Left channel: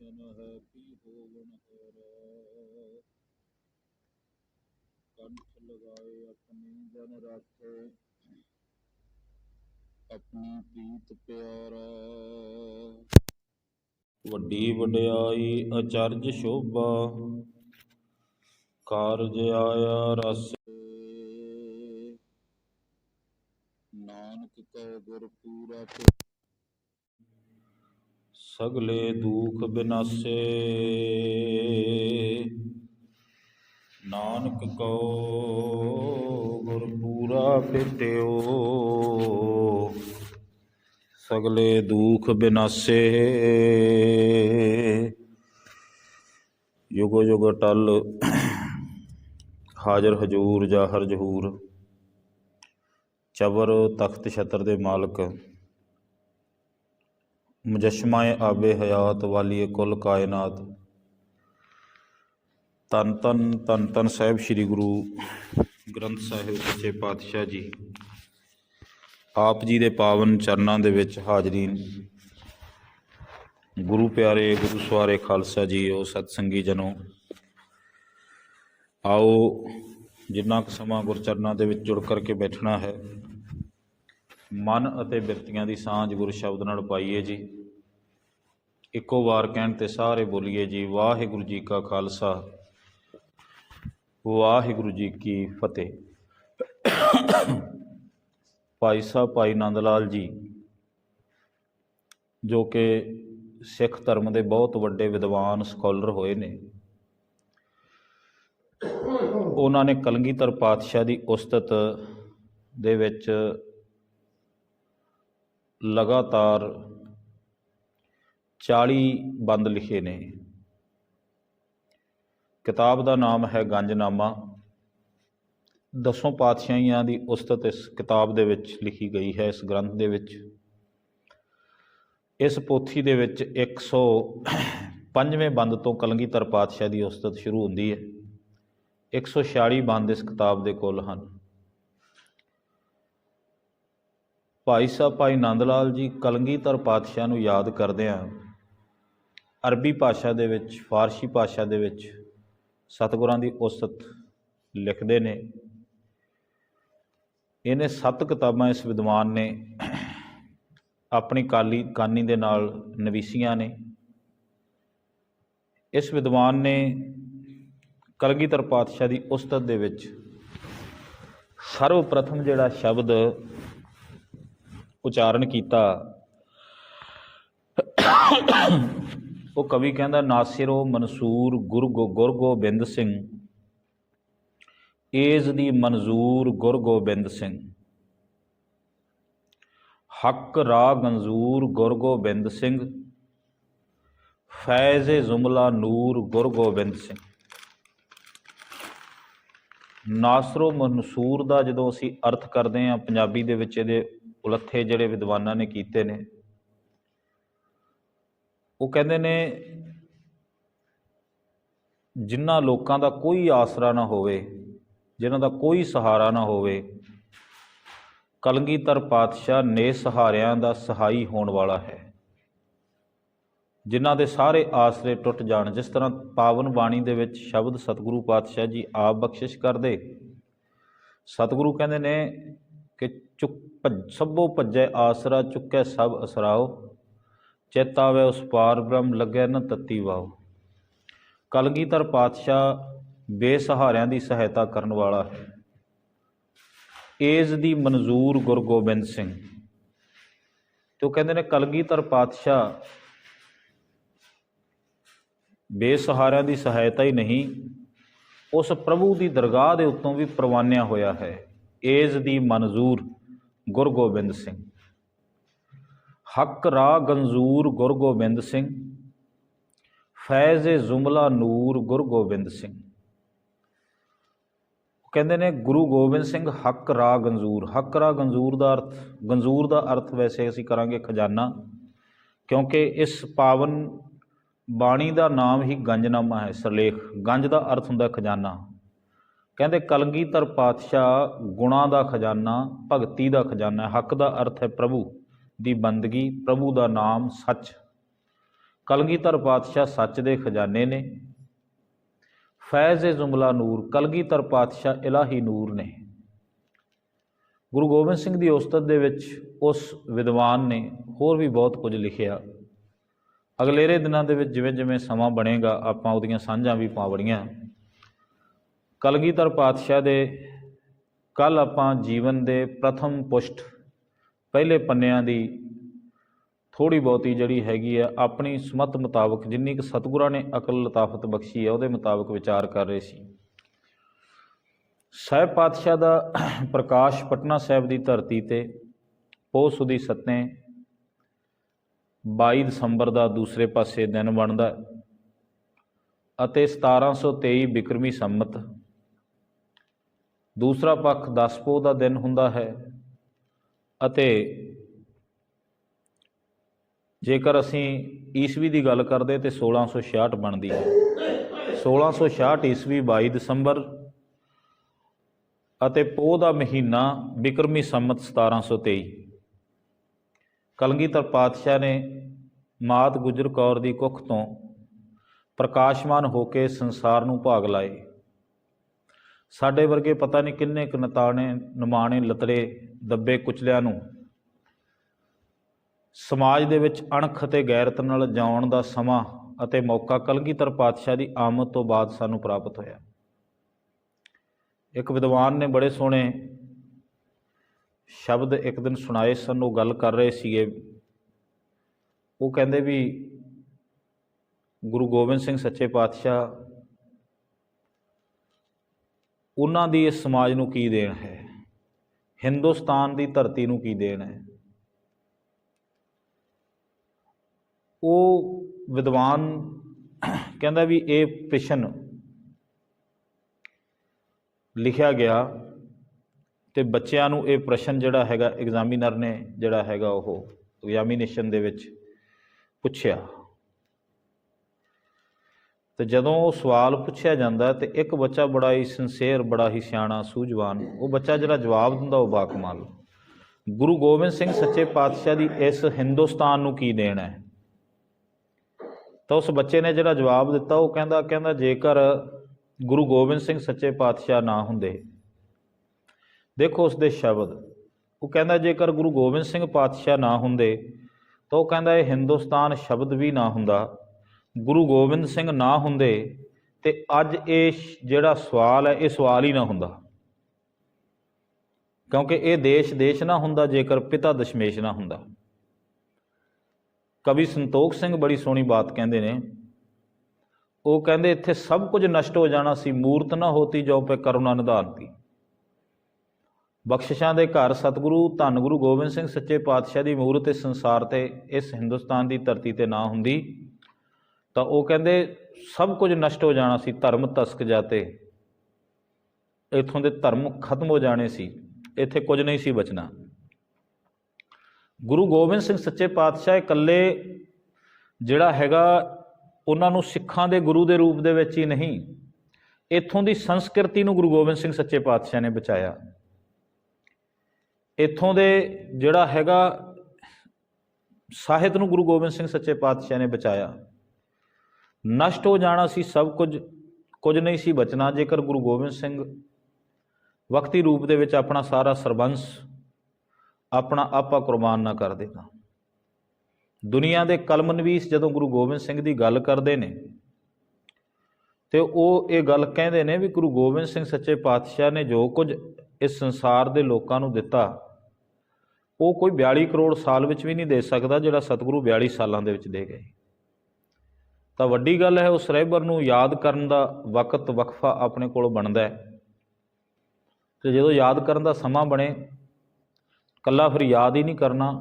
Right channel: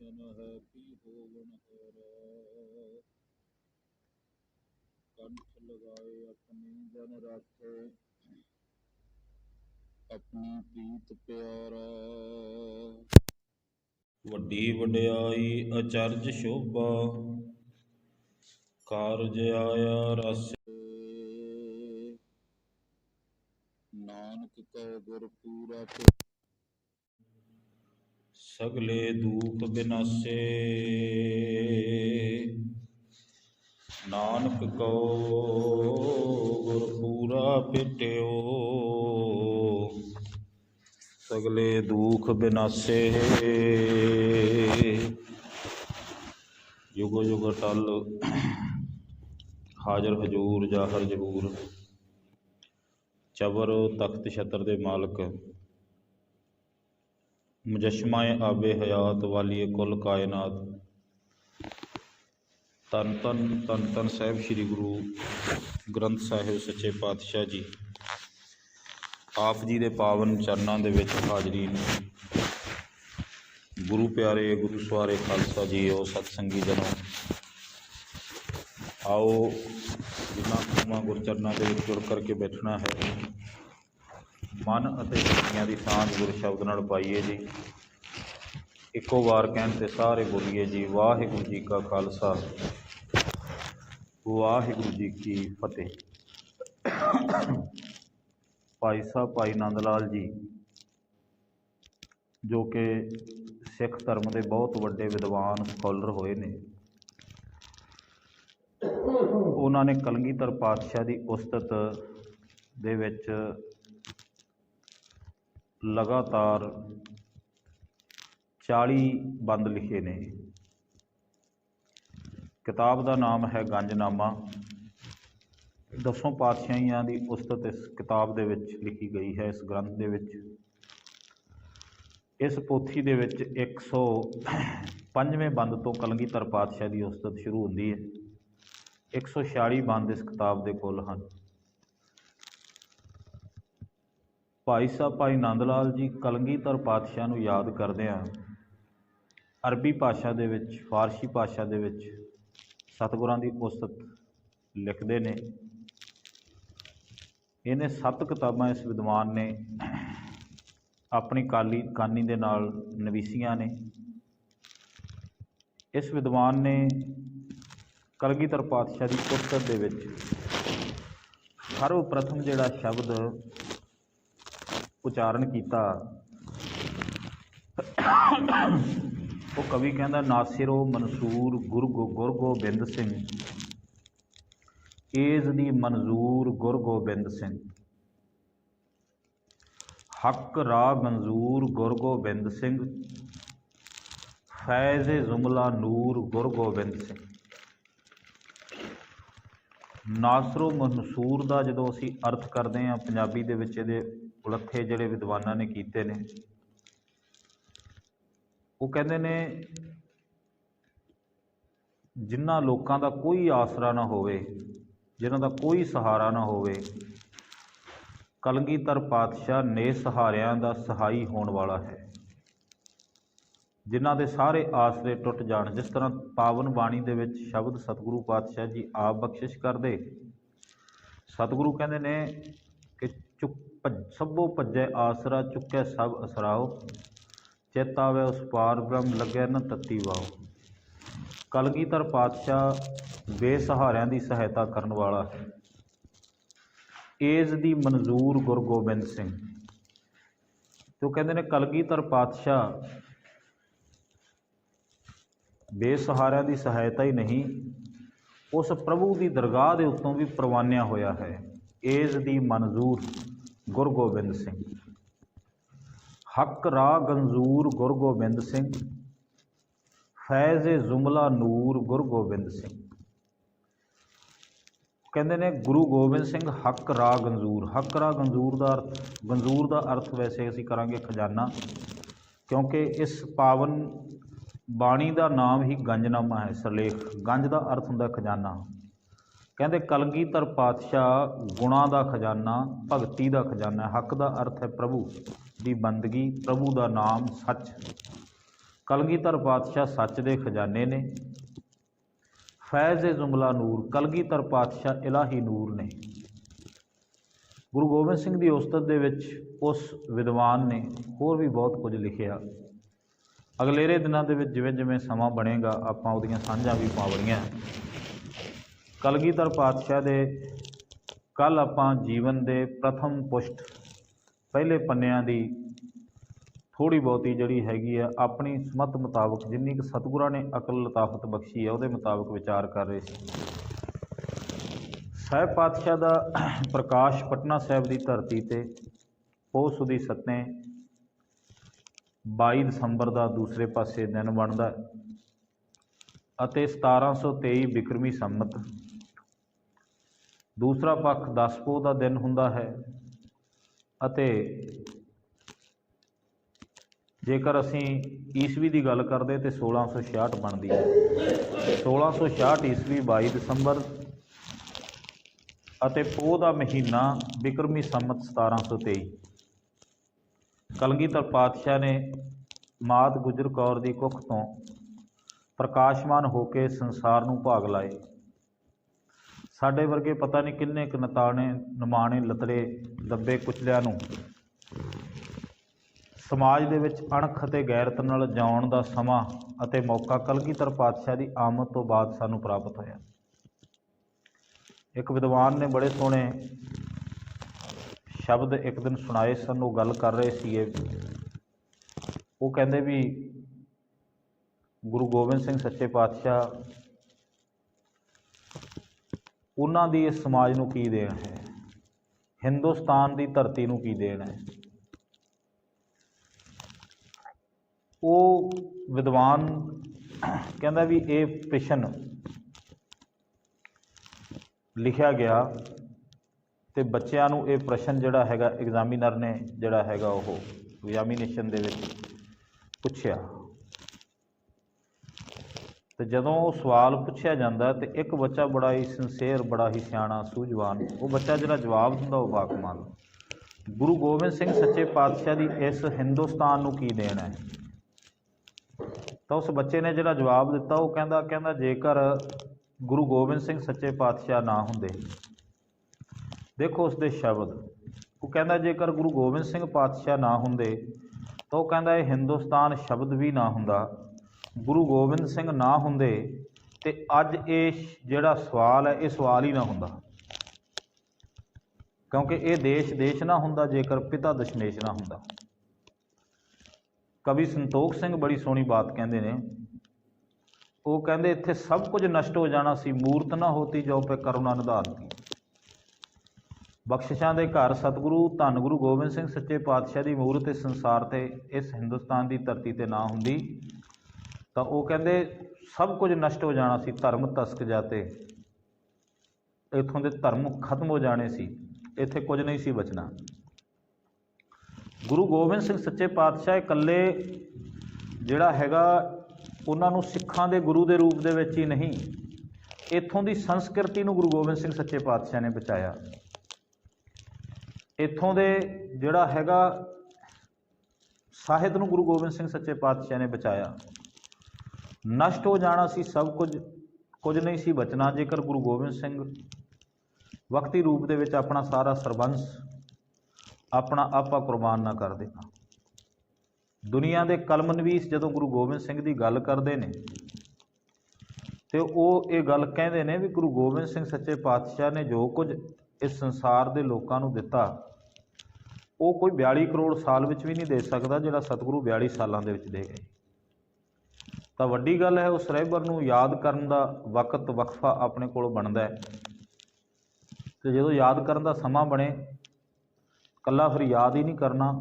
ਦਰਸ਼ਨ ਹੈ ਕੀ ਹੋਵਨ ਹੋਰਾ। ਕੰਠ ਲਗਾਏ ਆਪਣੀ ਜਨ ਰਾਖੇ, ਆਪਣੀ ਪ੍ਰੀਤ ਪਿਆਰਾ। ਵੱਡੀ ਵਡਿਆਈ ਅਚਰਜ ਸ਼ੋਭਾ, ਕਾਰਜ ਆਇਆ ਰਸੇ। ਨਾਨਕ ਕੈ ਗੁਰ ਪੂਰਾ ਸਗਲੇ ਦੁਖ ਬਿਨਾਸੇ। ਨਾਨਕ ਕਉ ਗੁਰ ਪੂਰਾ ਭੇਟਿਓ, ਸਗਲੇ ਦੁਖ ਬਿਨਾਸੇ। ਯੁਗੋ ਯੁਗ ਟਲ ਹਾਜ਼ਰ ਹਜੂਰ ਜਾਹਰ ਜਹੂਰ। ਚਬਰ ਤਖਤ ਛਤਰ ਦੇ ਮਾਲਕ, ਮੁਜੱਸ਼ਮਾਏ ਆਬੇ ਹਯਾਤ ਵਾਲੀਏ ਕੁੱਲ ਕਾਇਨਾਤ। ਧੰਨ ਧੰਨ ਧੰਨ ਧੰਨ ਸਾਹਿਬ ਸ੍ਰੀ ਗੁਰੂ ਗ੍ਰੰਥ ਸਾਹਿਬ ਸੱਚੇ ਪਾਤਸ਼ਾਹ ਜੀ। ਆਪ ਜੀ ਦੇ ਪਾਵਨ ਚਰਨਾਂ ਦੇ ਵਿੱਚ ਹਾਜ਼ਰੀਨ, ਗੁਰੂ ਪਿਆਰੇ ਗੁਰੂ ਸਵਾਰੇ ਖਾਲਸਾ ਜੀਓ, ਸਤਸੰਗੀ ਜਨੋ, ਆਓ ਜਿੰਨਾ ਕੁ ਸਮਾਂ ਗੁਰਚਰਨਾਂ ਦੇ ਵਿੱਚ ਜੁੜ ਕਰਕੇ ਬੈਠਣਾ ਹੈ, ਮਨ ਅਤੇ ਬੱਤੀਆਂ ਦੀ ਸਾਂਝ ਗੁਰ ਸ਼ਬਦ ਨਾਲ ਪਾਈਏ ਜੀ। ਇੱਕੋ ਵਾਰ ਕਹਿਣ 'ਤੇ ਸਾਰੇ ਬੋਲੀਏ ਜੀ, ਵਾਹਿਗੁਰੂ ਜੀ ਕਾ ਖਾਲਸਾ, ਵਾਹਿਗੁਰੂ ਜੀ ਕੀ ਫਤਿਹ। ਭਾਈ ਸਾਹਿਬ ਭਾਈ ਨੰਦ ਲਾਲ ਜੀ, ਜੋ ਕਿ ਸਿੱਖ ਧਰਮ ਦੇ ਬਹੁਤ ਵੱਡੇ ਵਿਦਵਾਨ ਸਕਾਲਰ ਹੋਏ ਨੇ, ਉਹਨਾਂ ਨੇ ਕਲਗੀਧਰ ਪਾਤਸ਼ਾਹ ਦੀ ਉਸਤਤ ਦੇ ਵਿੱਚ ਲਗਾਤਾਰ 40 ਬੰਦ ਲਿਖੇ ਨੇ। ਕਿਤਾਬ ਦਾ ਨਾਮ ਹੈ ਗੰਜਨਾਮਾ। 10 ਪਾਤਸ਼ਾਹੀਆਂ ਦੀ ਉਸਤਤ ਇਸ ਕਿਤਾਬ ਦੇ ਵਿੱਚ ਲਿਖੀ ਗਈ ਹੈ, ਇਸ ਗ੍ਰੰਥ ਦੇ ਵਿੱਚ। ਇਸ ਪੋਥੀ ਦੇ ਵਿੱਚ 105ਵੇਂ ਬੰਦ ਤੋਂ ਕਲਗੀਧਰ ਪਾਤਸ਼ਾਹ ਦੀ ਉਸਤਤ ਸ਼ੁਰੂ ਹੁੰਦੀ ਹੈ। 146 ਬੰਦ ਇਸ ਕਿਤਾਬ ਦੇ ਕੁੱਲ ਹਨ। ਭਾਈ ਸਾਹਿਬ ਭਾਈ ਨੰਦ ਲਾਲ ਜੀ ਕਲਗੀਧਰ ਪਾਤਸ਼ਾਹ ਨੂੰ ਯਾਦ ਕਰਦਿਆਂ ਅਰਬੀ ਭਾਸ਼ਾ ਦੇ ਵਿੱਚ, ਫਾਰਸੀ ਭਾਸ਼ਾ ਦੇ ਵਿੱਚ ਸਤਿਗੁਰਾਂ ਦੀ ਉਸਤਤ ਲਿਖਦੇ ਨੇ। ਇਹਨੇ 7 ਕਿਤਾਬਾਂ ਇਸ ਵਿਦਵਾਨ ਨੇ ਆਪਣੀ ਕਾਨੀ ਦੇ ਨਾਲ ਨਵੀਸੀਆਂ ਨੇ। ਇਸ ਵਿਦਵਾਨ ਨੇ ਕਲਗੀਧਰ ਪਾਤਸ਼ਾਹ ਦੀ ਉਸਤਤ ਦੇ ਵਿੱਚ ਸਰਵਪ੍ਰਥਮ ਜਿਹੜਾ ਸ਼ਬਦ ਉਚਾਰਨ ਕੀਤਾ, ਉਹ ਕਵੀ ਕਹਿੰਦਾ, ਨਾਸਿਰੋ ਮਨਸੂਰ ਗੁਰ ਗੋਬਿੰਦ ਸਿੰਘ, ਏਜ਼ ਦੀ ਮਨਜ਼ੂਰ ਗੁਰ ਗੋਬਿੰਦ ਸਿੰਘ। ਹੱਕ ਰਾਹ ਗੰਜ਼ੂਰ ਗੁਰ ਗੋਬਿੰਦ ਸਿੰਘ, ਫੈਜ਼ ਜ਼ੁਮਲਾ ਨੂਰ ਗੁਰ ਗੋਬਿੰਦ ਸਿੰਘ। ਨਾਸਰੋ ਮਨਸੂਰ ਦਾ ਜਦੋਂ ਅਸੀਂ ਅਰਥ ਕਰਦੇ ਹਾਂ ਪੰਜਾਬੀ ਦੇ ਵਿੱਚ, ਇਹਦੇ ਉਲੱਥੇ ਜਿਹੜੇ ਵਿਦਵਾਨਾਂ ਨੇ ਕੀਤੇ ਨੇ, ਉਹ ਕਹਿੰਦੇ ਨੇ ਜਿਨ੍ਹਾਂ ਲੋਕਾਂ ਦਾ ਕੋਈ ਆਸਰਾ ਨਾ ਹੋਵੇ, ਜਿਨ੍ਹਾਂ ਦਾ ਕੋਈ ਸਹਾਰਾ ਨਾ ਹੋਵੇ, ਕਲਗੀਧਰ ਪਾਤਸ਼ਾਹ ਨਿਸਹਾਰਿਆਂ ਦਾ ਸਹਾਈ ਹੋਣ ਵਾਲਾ ਹੈ। ਜਿਨ੍ਹਾਂ ਦੇ ਸਾਰੇ ਆਸਰੇ ਟੁੱਟ ਜਾਣ, ਜਿਸ ਤਰ੍ਹਾਂ ਪਾਵਨ ਬਾਣੀ ਦੇ ਵਿੱਚ ਸ਼ਬਦ ਸਤਿਗੁਰੂ ਪਾਤਸ਼ਾਹ ਜੀ ਆਪ ਬਖਸ਼ਿਸ਼ ਕਰਦੇ। ਸਤਿਗੁਰੂ ਕਹਿੰਦੇ ਨੇ ਕਿ ਸਭੋ ਭੱਜੈ ਆਸਰਾ, ਚੁੱਕੈ ਸਭ ਅਸਰਾਓ, ਚਿਤ ਆਵੇ ਉਸ ਪਾਰ ਬ੍ਰਹਮ, ਲੱਗੈ ਨ ਤਤੀ ਵਾਓ। ਕਲਗੀਧਰ ਪਾਤਸ਼ਾਹ ਬੇਸਹਾਰਿਆਂ ਦੀ ਸਹਾਇਤਾ ਕਰਨ ਵਾਲਾ ਹੈ। ਏਜ਼ ਦੀ ਮਨਜ਼ੂਰ ਗੁਰੂ ਗੋਬਿੰਦ ਸਿੰਘ। ਤੇ ਉਹ ਕਹਿੰਦੇ ਨੇ ਕਲਗੀਧਰ ਪਾਤਸ਼ਾਹ ਬੇਸਹਾਰਿਆਂ ਦੀ ਸਹਾਇਤਾ ਹੀ ਨਹੀਂ, ਉਸ ਪ੍ਰਭੂ ਦੀ ਦਰਗਾਹ ਦੇ ਉੱਤੋਂ ਵੀ ਪ੍ਰਵਾਨਿਆ ਹੋਇਆ ਹੈ। ਏਜ਼ ਦੀ ਮਨਜ਼ੂਰ ਗੁਰੂ ਗੋਬਿੰਦ ਸਿੰਘ। ਹੱਕ ਰਾਹ ਗੰਜ਼ੂਰ ਗੁਰੂ ਗੋਬਿੰਦ ਸਿੰਘ, ਫੈਜ਼ ਜ਼ੁਮਲਾ ਨੂਰ ਗੁਰੂ ਗੋਬਿੰਦ ਸਿੰਘ। ਕਹਿੰਦੇ ਨੇ ਗੁਰੂ ਗੋਬਿੰਦ ਸਿੰਘ ਹੱਕ ਰਾਹ ਗੰਜ਼ੂਰ। ਹੱਕ ਰਾਹ ਗੰਜ਼ੂਰ ਦਾ ਅਰਥ, ਗੰਜ਼ੂਰ ਦਾ ਅਰਥ ਵੈਸੇ ਅਸੀਂ ਕਰਾਂਗੇ ਖਜ਼ਾਨਾ, ਕਿਉਂਕਿ ਇਸ ਪਾਵਨ ਬਾਣੀ ਦਾ ਨਾਮ ਹੀ ਗੰਜਨਾਮਾ ਹੈ, ਸਰਲੇਖ। ਗੰਜ ਦਾ ਅਰਥ ਹੁੰਦਾ ਖਜ਼ਾਨਾ। ਕਹਿੰਦੇ ਕਲਗੀਧਰ ਪਾਤਸ਼ਾਹ ਗੁਣਾਂ ਦਾ ਖਜ਼ਾਨਾ, ਭਗਤੀ ਦਾ ਖਜ਼ਾਨਾ। ਹੱਕ ਦਾ ਅਰਥ ਹੈ ਪ੍ਰਭੂ ਦੀ ਬੰਦਗੀ, ਪ੍ਰਭੂ ਦਾ ਨਾਮ, ਸੱਚ। ਕਲਗੀਧਰ ਪਾਤਸ਼ਾਹ ਸੱਚ ਦੇ ਖਜ਼ਾਨੇ ਨੇ। ਫੈਜ਼ ਏ ਜੁਮਲਾ ਨੂਰ, ਕਲਗੀਧਰ ਪਾਤਸ਼ਾਹ ਇਲਾਹੀ ਨੂਰ ਨੇ। ਗੁਰੂ ਗੋਬਿੰਦ ਸਿੰਘ ਦੀ ਉਸਤਤ ਦੇ ਵਿੱਚ ਉਸ ਵਿਦਵਾਨ ਨੇ ਹੋਰ ਵੀ ਬਹੁਤ ਕੁਝ ਲਿਖਿਆ। ਅਗਲੇਰੇ ਦਿਨਾਂ ਦੇ ਵਿੱਚ ਜਿਵੇਂ ਜਿਵੇਂ ਸਮਾਂ ਬਣੇਗਾ ਆਪਾਂ ਉਹਦੀਆਂ ਸਾਂਝਾਂ ਵੀ ਪਾਵਣੀਆਂ। ਕਲਗੀਧਰ ਪਾਤਸ਼ਾਹ ਦੇ ਕੱਲ੍ਹ ਆਪਾਂ ਜੀਵਨ ਦੇ ਪ੍ਰਥਮ ਪੁਸ਼ਟ ਪਹਿਲੇ ਪੰਨਿਆਂ ਦੀ ਥੋੜ੍ਹੀ ਬਹੁਤੀ ਜਿਹੜੀ ਹੈਗੀ ਆ ਆਪਣੀ ਸਮੱਤ ਮੁਤਾਬਕ ਜਿੰਨੀ ਕੁ ਸਤਿਗੁਰਾਂ ਨੇ ਅਕਲ ਲਤਾਫਤ ਬਖਸ਼ੀ ਹੈ ਉਹਦੇ ਮੁਤਾਬਕ ਵਿਚਾਰ ਕਰ ਰਹੇ ਸੀ। ਸਾਹਿਬ ਪਾਤਸ਼ਾਹ ਦਾ ਪ੍ਰਕਾਸ਼ ਪਟਨਾ ਸਾਹਿਬ ਦੀ ਧਰਤੀ 'ਤੇ ਪੋਹ ਸੁਦੀ ਸੱਤੇ 22 ਦਸੰਬਰ ਦਾ ਦੂਸਰੇ ਪਾਸੇ ਦਿਨ ਬਣਦਾ ਅਤੇ 1723 ਬਿਕਰਮੀ ਸੰਮਤ ਦੂਸਰਾ ਪੱਖ 10 ਪੋਹ ਦਾ ਦਿਨ ਹੁੰਦਾ ਹੈ। ਅਤੇ ਜੇਕਰ ਅਸੀਂ ਈਸਵੀ ਦੀ ਗੱਲ ਕਰਦੇ ਤਾਂ 1666 ਬਣਦੀ ਹੈ। 1666 ਈਸਵੀ 22 ਦਸੰਬਰ ਅਤੇ ਪੋਹ ਦਾ ਮਹੀਨਾ ਬਿਕਰਮੀ ਸੰਮਤ 1723। ਕਲਗੀਧਰ ਪਾਤਸ਼ਾਹ ਨੇ ਮਾਤ ਗੁਜਰ ਕੌਰ ਦੀ ਕੁੱਖ ਤੋਂ ਪ੍ਰਕਾਸ਼ਮਾਨ ਹੋ ਕੇ ਸੰਸਾਰ ਨੂੰ ਭਾਗ ਲਾਏ। ਸਾਡੇ ਵਰਗੇ ਪਤਾ ਨਹੀਂ ਕਿੰਨੇ ਕੁ ਨਿਮਾਣੇ ਲਤੜੇ ਦੱਬੇ ਕੁਚਲਿਆਂ ਨੂੰ ਸਮਾਜ ਦੇ ਵਿੱਚ ਅਣਖ ਅਤੇ ਗੈਰਤ ਨਾਲ ਜਿਉਣ ਦਾ ਸਮਾਂ ਅਤੇ ਮੌਕਾ ਕਲਗੀਧਰ ਪਾਤਸ਼ਾਹ ਦੀ ਆਮਦ ਤੋਂ ਬਾਅਦ ਸਾਨੂੰ ਪ੍ਰਾਪਤ ਹੋਇਆ। ਇੱਕ ਵਿਦਵਾਨ ਨੇ ਬੜੇ ਸੋਹਣੇ ਸ਼ਬਦ ਇੱਕ ਦਿਨ ਸੁਣਾਏ ਸਨ। ਉਹ ਗੱਲ ਕਰ ਰਹੇ ਸੀਗੇ, ਉਹ ਕਹਿੰਦੇ ਵੀ ਗੁਰੂ ਗੋਬਿੰਦ ਸਿੰਘ ਸੱਚੇ ਪਾਤਸ਼ਾਹ ਉਹਨਾਂ ਦੀ ਇਸ ਸਮਾਜ ਨੂੰ ਕੀ ਦੇਣ ਹੈ, ਹਿੰਦੁਸਤਾਨ ਦੀ ਧਰਤੀ ਨੂੰ ਕੀ ਦੇਣ ਹੈ। ਉਹ ਵਿਦਵਾਨ ਕਹਿੰਦਾ ਵੀ ਇਹ ਪ੍ਰਸ਼ਨ ਲਿਖਿਆ ਗਿਆ ਅਤੇ ਬੱਚਿਆਂ ਨੂੰ ਇਹ ਪ੍ਰਸ਼ਨ ਜਿਹੜਾ ਹੈਗਾ ਐਗਜ਼ਾਮੀਨਰ ਨੇ ਜਿਹੜਾ ਹੈਗਾ ਉਹ ਐਗਜ਼ਾਮੀਨੇਸ਼ਨ ਦੇ ਵਿੱਚ ਪੁੱਛਿਆ। ਅਤੇ ਜਦੋਂ ਉਹ ਸਵਾਲ ਪੁੱਛਿਆ ਜਾਂਦਾ ਅਤੇ ਇੱਕ ਬੱਚਾ ਬੜਾ ਹੀ ਸਿੰਸੇਅਰ, ਬੜਾ ਹੀ ਸਿਆਣਾ, ਸੂਝਵਾਨ, ਉਹ ਬੱਚਾ ਜਿਹੜਾ ਜਵਾਬ ਦਿੰਦਾ ਉਹ ਬਾਕਮਾਲ, ਗੁਰੂ ਗੋਬਿੰਦ ਸਿੰਘ ਸੱਚੇ ਪਾਤਸ਼ਾਹ ਦੀ ਇਸ ਹਿੰਦੁਸਤਾਨ ਨੂੰ ਕੀ ਦੇਣ ਹੈ। ਤਾਂ ਉਸ ਬੱਚੇ ਨੇ ਜਿਹੜਾ ਜਵਾਬ ਦਿੱਤਾ ਉਹ ਕਹਿੰਦਾ ਜੇਕਰ ਗੁਰੂ ਗੋਬਿੰਦ ਸਿੰਘ ਸੱਚੇ ਪਾਤਸ਼ਾਹ ਨਾ ਹੁੰਦੇ, ਦੇਖੋ ਉਸ ਦੇ ਸ਼ਬਦ, ਉਹ ਕਹਿੰਦਾ ਜੇਕਰ ਗੁਰੂ ਗੋਬਿੰਦ ਸਿੰਘ ਪਾਤਸ਼ਾਹ ਨਾ ਹੁੰਦੇ ਤਾਂ ਉਹ ਕਹਿੰਦਾ ਇਹ ਹਿੰਦੁਸਤਾਨ ਸ਼ਬਦ ਵੀ ਨਾ ਹੁੰਦਾ, ਗੁਰੂ ਗੋਬਿੰਦ ਸਿੰਘ ਨਾ ਹੁੰਦੇ ਅਤੇ ਅੱਜ ਇਹ ਜਿਹੜਾ ਸਵਾਲ ਹੈ ਇਹ ਸਵਾਲ ਹੀ ਨਾ ਹੁੰਦਾ, ਕਿਉਂਕਿ ਇਹ ਦੇਸ਼ ਨਾ ਹੁੰਦਾ ਜੇਕਰ ਪਿਤਾ ਦਸ਼ਮੇਸ਼ ਨਾ ਹੁੰਦਾ। ਕਵੀ ਸੰਤੋਖ ਸਿੰਘ ਬੜੀ ਸੋਹਣੀ ਬਾਤ ਕਹਿੰਦੇ ਨੇ, ਉਹ ਕਹਿੰਦੇ ਇੱਥੇ ਸਭ ਕੁਝ ਨਸ਼ਟ ਹੋ ਜਾਣਾ ਸੀ, ਮੂਰਤ ਨਾ ਹੋਤੀ ਜੋ ਪੈ ਕਰੁਣਾ ਨਿਧਾਨ ਕੀ। ਬਖਸ਼ਿਸ਼ਾਂ ਦੇ ਘਰ ਸਤਿਗੁਰੂ ਧੰਨ ਗੁਰੂ ਗੋਬਿੰਦ ਸਿੰਘ ਸੱਚੇ ਪਾਤਸ਼ਾਹ ਦੀ ਮੂਰਤ ਇਸ ਸੰਸਾਰ 'ਤੇ ਇਸ ਹਿੰਦੁਸਤਾਨ ਦੀ ਧਰਤੀ 'ਤੇ ਨਾ ਹੁੰਦੀ ਤਾਂ ਉਹ ਕਹਿੰਦੇ ਸਭ ਕੁਝ ਨਸ਼ਟ ਹੋ ਜਾਣਾ ਸੀ, ਧਰਮ ਧਸਕ ਜਾਤੇ, ਇੱਥੋਂ ਦੇ ਧਰਮ ਖਤਮ ਹੋ ਜਾਣੇ ਸੀ, ਇੱਥੇ ਕੁਝ ਨਹੀਂ ਸੀ ਬਚਣਾ। ਗੁਰੂ ਗੋਬਿੰਦ ਸਿੰਘ ਸੱਚੇ ਪਾਤਸ਼ਾਹ ਇਕੱਲੇ ਜਿਹੜਾ ਹੈਗਾ ਉਹਨਾਂ ਨੂੰ ਸਿੱਖਾਂ ਦੇ ਗੁਰੂ ਦੇ ਰੂਪ ਦੇ ਵਿੱਚ ਹੀ ਨਹੀਂ, ਇੱਥੋਂ ਦੀ ਸੰਸਕ੍ਰਿਤੀ ਨੂੰ ਗੁਰੂ ਗੋਬਿੰਦ ਸਿੰਘ ਸੱਚੇ ਪਾਤਸ਼ਾਹ ਨੇ ਬਚਾਇਆ। ਇੱਥੋਂ ਦੇ ਜਿਹੜਾ ਹੈਗਾ ਸਾਹਿਤ ਨੂੰ ਗੁਰੂ ਗੋਬਿੰਦ ਸਿੰਘ ਸੱਚੇ ਪਾਤਸ਼ਾਹ ਨੇ ਬਚਾਇਆ। ਨਸ਼ਟ ਹੋ ਜਾਣਾ ਸੀ ਸਭ ਕੁਝ, ਕੁਝ ਨਹੀਂ ਸੀ ਬਚਣਾ ਜੇਕਰ ਗੁਰੂ ਗੋਬਿੰਦ ਸਿੰਘ ਵਕਤੀ ਰੂਪ ਦੇ ਵਿੱਚ ਆਪਣਾ ਸਾਰਾ ਸਰਬੰਸ, ਆਪਣਾ ਆਪਾ ਕੁਰਬਾਨ ਨਾ ਕਰ ਦੇਣਾ। ਦੁਨੀਆ ਦੇ ਕਲਮਨਵੀਸ ਜਦੋਂ ਗੁਰੂ ਗੋਬਿੰਦ ਸਿੰਘ ਦੀ ਗੱਲ ਕਰਦੇ ਨੇ ਅਤੇ ਉਹ ਇਹ ਗੱਲ ਕਹਿੰਦੇ ਨੇ ਵੀ ਗੁਰੂ ਗੋਬਿੰਦ ਸਿੰਘ ਸੱਚੇ ਪਾਤਸ਼ਾਹ ਨੇ ਜੋ ਕੁਝ ਇਸ ਸੰਸਾਰ ਦੇ ਲੋਕਾਂ ਨੂੰ ਦਿੱਤਾ ਉਹ ਕੋਈ 42 ਕਰੋੜ ਸਾਲ ਵਿੱਚ ਵੀ ਨਹੀਂ ਦੇ ਸਕਦਾ ਜਿਹੜਾ ਸਤਿਗੁਰੂ 42 ਸਾਲਾਂ ਦੇ ਵਿੱਚ ਦੇ ਗਏ। ਤਾਂ ਵੱਡੀ ਗੱਲ ਹੈ ਉਸ ਰਹਿਬਰ ਨੂੰ ਯਾਦ ਕਰਨ ਦਾ ਵਕਤ ਵਕਫਾ ਆਪਣੇ ਕੋਲ ਬਣਦਾ ਹੈ। ਅਤੇ ਜਦੋਂ ਯਾਦ ਕਰਨ ਦਾ ਸਮਾਂ ਬਣੇ, ਇਕੱਲਾ ਫਿਰ ਯਾਦ ਹੀ ਨਹੀਂ ਕਰਨਾ,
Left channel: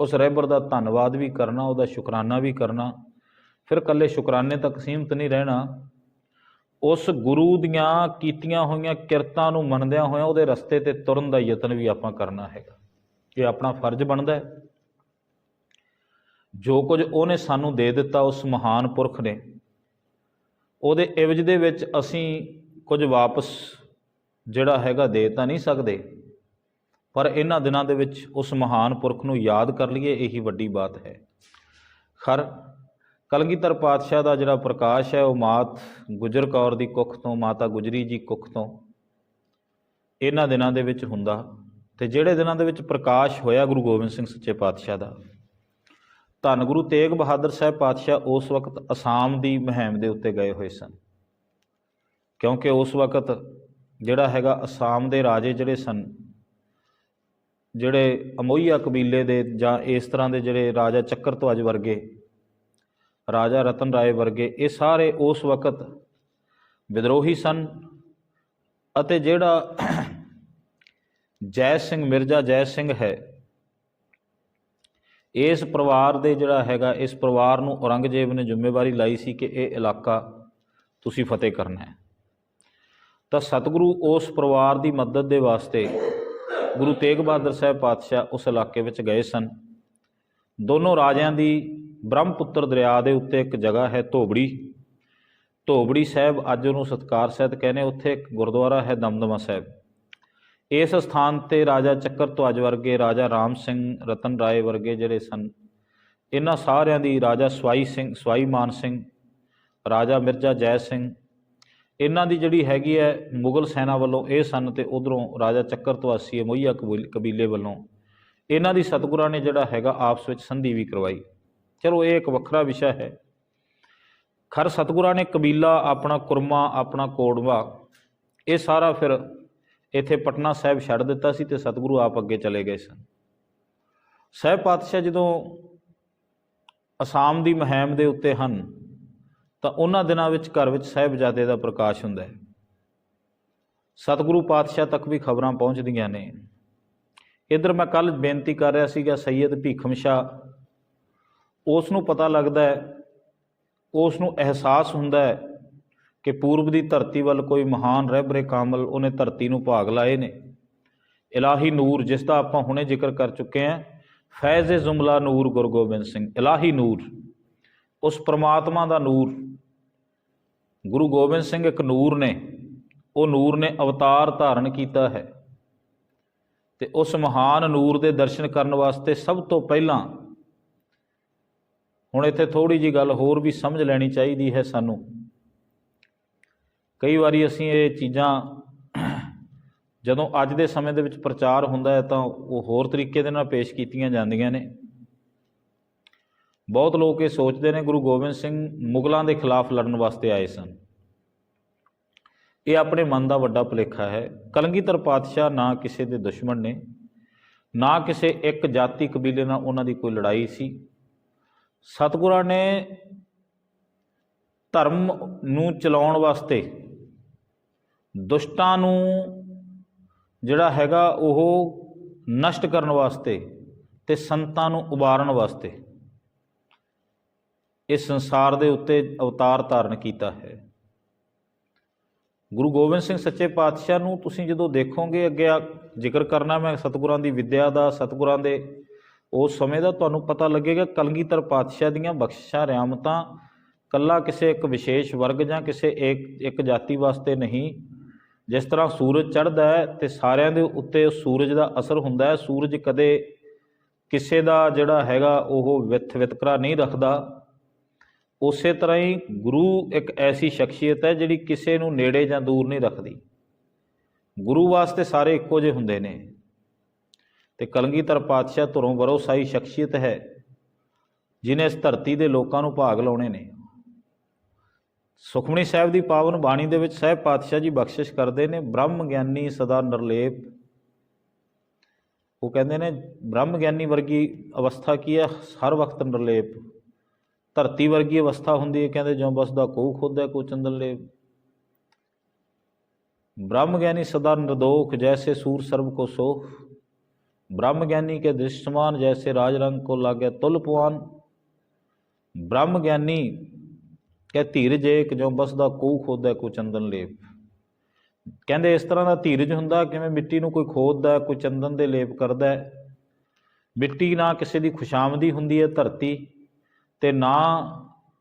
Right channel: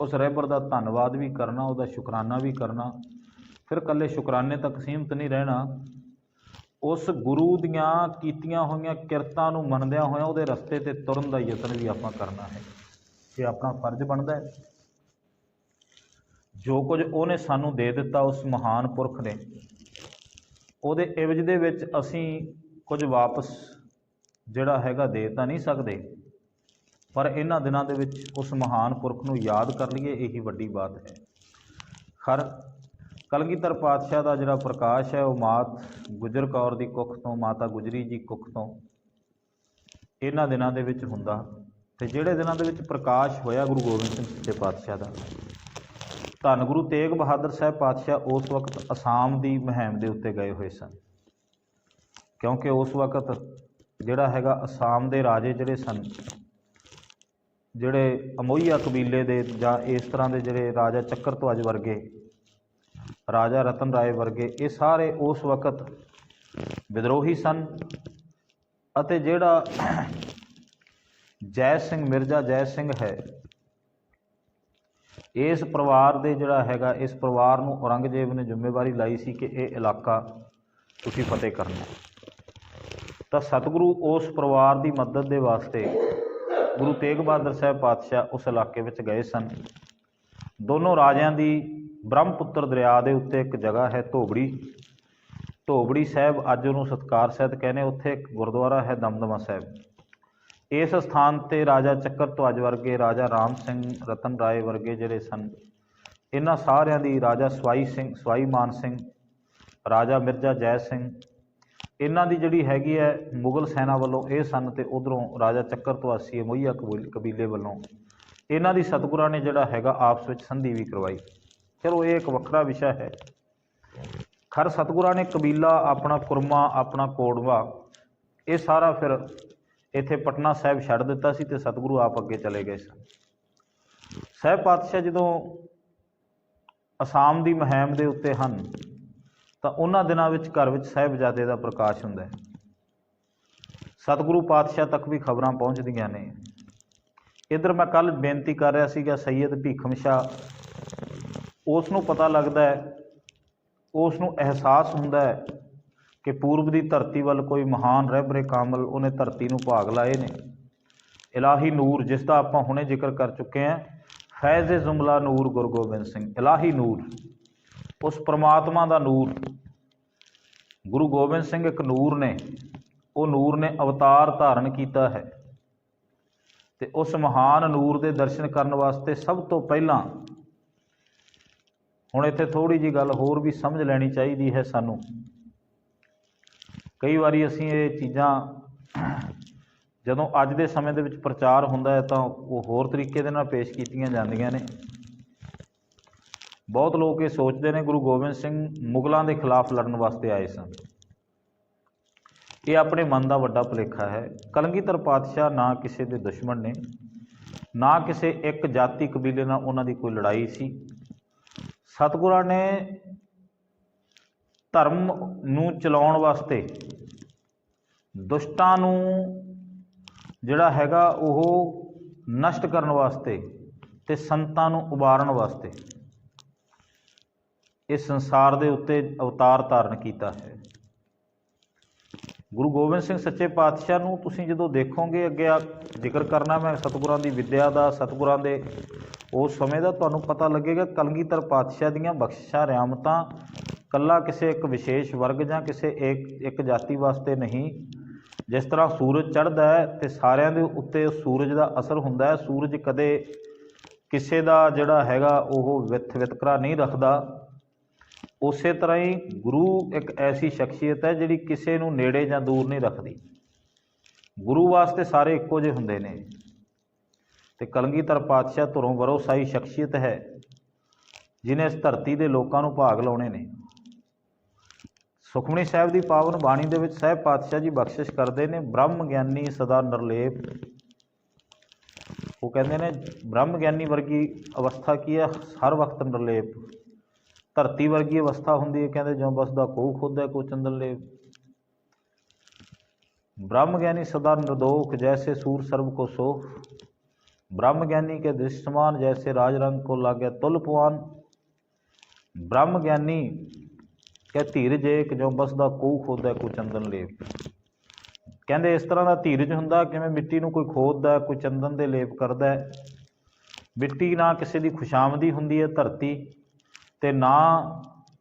ਉਸ ਰਹਿਬਰ ਦਾ ਧੰਨਵਾਦ ਵੀ ਕਰਨਾ, ਉਹਦਾ ਸ਼ੁਕਰਾਨਾ ਵੀ ਕਰਨਾ। ਫਿਰ ਇਕੱਲੇ ਸ਼ੁਕਰਾਨੇ ਤੱਕ ਸੀਮਤ ਨਹੀਂ ਰਹਿਣਾ, ਉਸ ਗੁਰੂ ਦੀਆਂ ਕੀਤੀਆਂ ਹੋਈਆਂ ਕਿਰਤਾਂ ਨੂੰ ਮੰਨਦਿਆਂ ਹੋਇਆਂ ਉਹਦੇ ਰਸਤੇ 'ਤੇ ਤੁਰਨ ਦਾ ਯਤਨ ਵੀ ਆਪਾਂ ਕਰਨਾ ਹੈ। ਇਹ ਆਪਣਾ ਫਰਜ਼ ਬਣਦਾ ਹੈ। ਜੋ ਕੁਝ ਉਹਨੇ ਸਾਨੂੰ ਦੇ ਦਿੱਤਾ ਉਸ ਮਹਾਨ ਪੁਰਖ ਨੇ, ਉਹਦੇ ਇਵਜ਼ ਦੇ ਵਿੱਚ ਅਸੀਂ ਕੁਝ ਵਾਪਸ ਜਿਹੜਾ ਹੈਗਾ ਦੇ ਤਾਂ ਨਹੀਂ ਸਕਦੇ, ਪਰ ਇਹਨਾਂ ਦਿਨਾਂ ਦੇ ਵਿੱਚ ਉਸ ਮਹਾਨ ਪੁਰਖ ਨੂੰ ਯਾਦ ਕਰ ਲਈਏ, ਇਹੀ ਵੱਡੀ ਬਾਤ ਹੈ। ਖਰ ਕਲਗੀਧਰ ਪਾਤਸ਼ਾਹ ਦਾ ਜਿਹੜਾ ਪ੍ਰਕਾਸ਼ ਹੈ ਉਹ ਮਾਤ ਗੁਜਰ ਕੌਰ ਦੀ ਕੁੱਖ ਤੋਂ, ਮਾਤਾ ਗੁਜਰੀ ਜੀ ਕੁੱਖ ਤੋਂ ਇਹਨਾਂ ਦਿਨਾਂ ਦੇ ਵਿੱਚ ਹੁੰਦਾ। ਤੇ ਜਿਹੜੇ ਦਿਨਾਂ ਦੇ ਵਿੱਚ ਪ੍ਰਕਾਸ਼ ਹੋਇਆ ਗੁਰੂ ਗੋਬਿੰਦ ਸਿੰਘ ਸੱਚੇ ਪਾਤਸ਼ਾਹ ਦਾ, ਧੰਨ ਗੁਰੂ ਤੇਗ ਬਹਾਦਰ ਸਾਹਿਬ ਪਾਤਸ਼ਾਹ ਉਸ ਵਕਤ ਅਸਾਮ ਦੀ ਮੁਹਿੰਮ ਦੇ ਉੱਤੇ ਗਏ ਹੋਏ ਸਨ, ਕਿਉਂਕਿ ਉਸ ਵਕਤ ਜਿਹੜਾ ਹੈਗਾ ਅਸਾਮ ਦੇ ਰਾਜੇ ਜਿਹੜੇ ਸਨ, ਜਿਹੜੇ ਅਮੋਈਆ ਕਬੀਲੇ ਦੇ ਜਾਂ ਇਸ ਤਰ੍ਹਾਂ ਦੇ ਜਿਹੜੇ ਰਾਜਾ ਚੱਕਰਧਵਜ ਵਰਗੇ, ਰਾਜਾ ਰਤਨ ਰਾਏ ਵਰਗੇ, ਇਹ ਸਾਰੇ ਉਸ ਵਕਤ ਵਿਦਰੋਹੀ ਸਨ। ਅਤੇ ਜਿਹੜਾ ਜੈ ਸਿੰਘ ਮਿਰਜ਼ਾ ਜੈ ਸਿੰਘ ਹੈ, ਇਸ ਪਰਿਵਾਰ ਦੇ ਜਿਹੜਾ ਹੈਗਾ, ਇਸ ਪਰਿਵਾਰ ਨੂੰ ਔਰੰਗਜ਼ੇਬ ਨੇ ਜ਼ਿੰਮੇਵਾਰੀ ਲਾਈ ਸੀ ਕਿ ਇਹ ਇਲਾਕਾ ਤੁਸੀਂ ਫਤਿਹ ਕਰਨਾ ਹੈ। ਤਾਂ ਸਤਿਗੁਰੂ ਉਸ ਪਰਿਵਾਰ ਦੀ ਮਦਦ ਦੇ ਵਾਸਤੇ ਗੁਰੂ ਤੇਗ ਬਹਾਦਰ ਸਾਹਿਬ ਪਾਤਸ਼ਾਹ ਉਸ ਇਲਾਕੇ ਵਿੱਚ ਗਏ ਸਨ। ਦੋਨੋਂ ਰਾਜਿਆਂ ਦੀ ਬ੍ਰਹਮਪੁੱਤਰ ਦਰਿਆ ਦੇ ਉੱਤੇ ਇੱਕ ਜਗ੍ਹਾ ਹੈ ਧੋਬੜੀ ਸਾਹਿਬ, ਅੱਜ ਉਹਨੂੰ ਸਤਕਾਰ ਸਹਿਤ ਕਹਿੰਦੇ, ਉੱਥੇ ਇੱਕ ਗੁਰਦੁਆਰਾ ਹੈ ਦਮਦਮਾ ਸਾਹਿਬ। ਇਸ ਸਥਾਨ 'ਤੇ ਰਾਜਾ ਚੱਕਰਧਵਜ ਵਰਗੇ, ਰਾਜਾ ਰਾਮ ਸਿੰਘ, ਰਤਨ ਰਾਏ ਵਰਗੇ ਜਿਹੜੇ ਸਨ, ਇਹਨਾਂ ਸਾਰਿਆਂ ਦੀ, ਰਾਜਾ ਸਵਾਈ ਮਾਨ ਸਿੰਘ, ਰਾਜਾ ਮਿਰਜ਼ਾ ਜੈ ਸਿੰਘ, ਇਹਨਾਂ ਦੀ ਜਿਹੜੀ ਹੈਗੀ ਹੈ ਮੁਗਲ ਸੈਨਾ ਵੱਲੋਂ ਇਹ ਸਨ, ਅਤੇ ਉੱਧਰੋਂ ਰਾਜਾ ਚੱਕਰਧਵਾਸੀ ਅਮੋਈਆ ਕਬੀਲੇ ਵੱਲੋਂ ਇਹਨਾਂ ਦੀ ਸਤਿਗੁਰਾਂ ਨੇ ਜਿਹੜਾ ਹੈਗਾ ਆਪਸ ਵਿੱਚ ਸੰਧੀ ਵੀ ਕਰਵਾਈ। ਚਲੋ ਇਹ ਇੱਕ ਵੱਖਰਾ ਵਿਸ਼ਾ ਹੈ। ਖਰ ਸਤਿਗੁਰਾਂ ਨੇ ਕਬੀਲਾ ਆਪਣਾ, ਕੁਰਮਾ ਆਪਣਾ, ਕੋੜਵਾ, ਇਹ ਸਾਰਾ ਫਿਰ ਇੱਥੇ ਪਟਨਾ ਸਾਹਿਬ ਛੱਡ ਦਿੱਤਾ ਸੀ ਅਤੇ ਸਤਿਗੁਰੂ ਆਪ ਅੱਗੇ ਚਲੇ ਗਏ ਸਨ। ਸਾਹਿਬ ਪਾਤਸ਼ਾਹ ਜਦੋਂ ਅਸਾਮ ਦੀ ਮੁਹਿੰਮ ਦੇ ਉੱਤੇ ਹਨ ਤਾਂ ਉਹਨਾਂ ਦਿਨਾਂ ਵਿੱਚ ਘਰ ਵਿੱਚ ਸਾਹਿਬਜ਼ਾਦੇ ਦਾ ਪ੍ਰਕਾਸ਼ ਹੁੰਦਾ ਹੈ। ਸਤਿਗੁਰੂ ਪਾਤਸ਼ਾਹ ਤੱਕ ਵੀ ਖਬਰਾਂ ਪਹੁੰਚਦੀਆਂ ਨੇ। ਇੱਧਰ ਮੈਂ ਕੱਲ੍ਹ ਬੇਨਤੀ ਕਰ ਰਿਹਾ ਸੀਗਾ, ਸੈਯਦ ਭੀਖਮ ਸ਼ਾਹ, ਉਸ ਨੂੰ ਪਤਾ ਲੱਗਦਾ ਹੈ, ਉਸ ਨੂੰ ਅਹਿਸਾਸ ਹੁੰਦਾ ਹੈ ਕਿ ਪੂਰਬ ਦੀ ਧਰਤੀ ਵੱਲ ਕੋਈ ਮਹਾਨ ਰਹਿਬਰੇ ਕਾਮਲ ਉਹਨੇ ਧਰਤੀ ਨੂੰ ਭਾਗ ਲਾਏ ਨੇ। ਇਲਾਹੀ ਨੂਰ, ਜਿਸ ਦਾ ਆਪਾਂ ਹੁਣੇ ਜ਼ਿਕਰ ਕਰ ਚੁੱਕੇ ਹਾਂ, ਫੈਜ਼ ਜ਼ੁਮਲਾ ਨੂਰ ਗੁਰੂ ਗੋਬਿੰਦ ਸਿੰਘ, ਇਲਾਹੀ ਨੂਰ, ਉਸ ਪ੍ਰਮਾਤਮਾ ਦਾ ਨੂਰ। ਗੁਰੂ ਗੋਬਿੰਦ ਸਿੰਘ ਇੱਕ ਨੂਰ ਨੇ, ਉਹ ਨੂਰ ਨੇ ਅਵਤਾਰ ਧਾਰਨ ਕੀਤਾ ਹੈ, ਅਤੇ ਉਸ ਮਹਾਨ ਨੂਰ ਦੇ ਦਰਸ਼ਨ ਕਰਨ ਵਾਸਤੇ ਸਭ ਤੋਂ ਪਹਿਲਾਂ, ਹੁਣ ਇੱਥੇ ਥੋੜ੍ਹੀ ਜਿਹੀ ਗੱਲ ਹੋਰ ਵੀ ਸਮਝ ਲੈਣੀ ਚਾਹੀਦੀ ਹੈ ਸਾਨੂੰ। ਕਈ ਵਾਰੀ ਅਸੀਂ ਇਹ ਚੀਜ਼ਾਂ ਜਦੋਂ ਅੱਜ ਦੇ ਸਮੇਂ ਦੇ ਵਿੱਚ ਪ੍ਰਚਾਰ ਹੁੰਦਾ ਹੈ ਤਾਂ ਉਹ ਹੋਰ ਤਰੀਕੇ ਦੇ ਨਾਲ ਪੇਸ਼ ਕੀਤੀਆਂ ਜਾਂਦੀਆਂ ਨੇ। ਬਹੁਤ ਲੋਕ ਇਹ ਸੋਚਦੇ ਨੇ ਗੁਰੂ ਗੋਬਿੰਦ ਸਿੰਘ ਮੁਗਲਾਂ ਦੇ ਖਿਲਾਫ ਲੜਨ ਵਾਸਤੇ ਆਏ ਸਨ। ਇਹ ਆਪਣੇ ਮਨ ਦਾ ਵੱਡਾ ਭੁਲੇਖਾ ਹੈ। ਕਲਗੀਧਰ ਪਾਤਸ਼ਾਹ ਨਾ ਕਿਸੇ ਦੇ ਦੁਸ਼ਮਣ ਨੇ, ਨਾ ਕਿਸੇ ਇੱਕ ਜਾਤੀ ਕਬੀਲੇ ਨਾਲ ਉਹਨਾਂ ਦੀ ਕੋਈ ਲੜਾਈ ਸੀ। ਸਤਿਗੁਰਾਂ ਨੇ ਧਰਮ ਨੂੰ ਚਲਾਉਣ ਵਾਸਤੇ, ਦੁਸ਼ਟਾਂ ਨੂੰ ਜਿਹੜਾ ਹੈਗਾ ਉਹ ਨਸ਼ਟ ਕਰਨ ਵਾਸਤੇ ਅਤੇ ਸੰਤਾਂ ਨੂੰ ਉਬਾਰਨ ਵਾਸਤੇ ਇਸ ਸੰਸਾਰ ਦੇ ਉੱਤੇ ਅਵਤਾਰ ਧਾਰਨ ਕੀਤਾ ਹੈ। ਗੁਰੂ ਗੋਬਿੰਦ ਸਿੰਘ ਸੱਚੇ ਪਾਤਸ਼ਾਹ ਨੂੰ ਤੁਸੀਂ ਜਦੋਂ ਦੇਖੋਗੇ, ਅੱਗੇ ਜ਼ਿਕਰ ਕਰਨਾ ਮੈਂ ਸਤਿਗੁਰਾਂ ਦੀ ਵਿੱਦਿਆ ਦਾ, ਸਤਿਗੁਰਾਂ ਦੇ ਉਸ ਸਮੇਂ ਦਾ, ਤੁਹਾਨੂੰ ਪਤਾ ਲੱਗੇਗਾ ਕਲਗੀਧਰ ਪਾਤਸ਼ਾਹ ਦੀਆਂ ਬਖਸ਼ਿਸ਼ਾਂ ਰਿਆਮਤਾਂ ਇਕੱਲਾ ਕਿਸੇ ਇੱਕ ਵਿਸ਼ੇਸ਼ ਵਰਗ ਜਾਂ ਕਿਸੇ ਇੱਕ ਜਾਤੀ ਵਾਸਤੇ ਨਹੀਂ। ਜਿਸ ਤਰ੍ਹਾਂ ਸੂਰਜ ਚੜ੍ਹਦਾ ਹੈ ਅਤੇ ਸਾਰਿਆਂ ਦੇ ਉੱਤੇ ਸੂਰਜ ਦਾ ਅਸਰ ਹੁੰਦਾ ਹੈ, ਸੂਰਜ ਕਦੇ ਕਿਸੇ ਦਾ ਜਿਹੜਾ ਹੈਗਾ ਉਹ ਵਿਤਕਰਾ ਨਹੀਂ ਰੱਖਦਾ। ਉਸੇ ਤਰ੍ਹਾਂ ਹੀ ਗੁਰੂ ਇੱਕ ਐਸੀ ਸ਼ਖਸੀਅਤ ਹੈ ਜਿਹੜੀ ਕਿਸੇ ਨੂੰ ਨੇੜੇ ਜਾਂ ਦੂਰ ਨਹੀਂ ਰੱਖਦੀ। ਗੁਰੂ ਵਾਸਤੇ ਸਾਰੇ ਇੱਕੋ ਜਿਹੇ ਹੁੰਦੇ ਨੇ, ਅਤੇ ਕਲਗੀਧਰ ਪਾਤਸ਼ਾਹ ਧੁਰੋਂ ਵਰੋਸਾਈ ਸ਼ਖਸੀਅਤ ਹੈ ਜਿਹਨੇ ਇਸ ਧਰਤੀ ਦੇ ਲੋਕਾਂ ਨੂੰ ਭਾਗ ਲਾਉਣੇ ਨੇ। ਸੁਖਮਨੀ ਸਾਹਿਬ ਦੀ ਪਾਵਨ ਬਾਣੀ ਦੇ ਵਿੱਚ ਸਾਹਿਬ ਪਾਤਸ਼ਾਹ ਜੀ ਬਖਸ਼ਿਸ਼ ਕਰਦੇ ਨੇ, ਬ੍ਰਹਮ ਗਿਆਨੀ ਸਦਾ ਨਿਰਲੇਪ। ਉਹ ਕਹਿੰਦੇ ਨੇ ਬ੍ਰਹਮ ਗਿਆਨੀ ਵਰਗੀ ਅਵਸਥਾ ਕੀ ਹੈ? ਹਰ ਵਕਤ ਨਿਰਲੇਪ। ਧਰਤੀ ਵਰਗੀ ਅਵਸਥਾ ਹੁੰਦੀ ਹੈ, ਕਹਿੰਦੇ ਜਿਉਂ ਬਸਦਾ ਕੋਊ ਖੋਦੈ ਕੋ ਚੰਦਨ ਲੇਪ। ब्रह्म ज्ञानी सदा निर्दोष जैसे सूर सर्व को सोख, ब्रह्म ज्ञानी के दृष्टमान जैसे राज रंग को लागे तुल पवान। ब्रह्म ज्ञानी के धीरज एक जो बसदा कू खोदा कोई चंदन लेप। कहते इस तरह का धीरज हुंदा किवें मिट्टी नूं कोई खोददा कोई चंदन दे लेप करदा है। मिट्टी ना किसी की खुशामदी हुंदी है धरती ते ना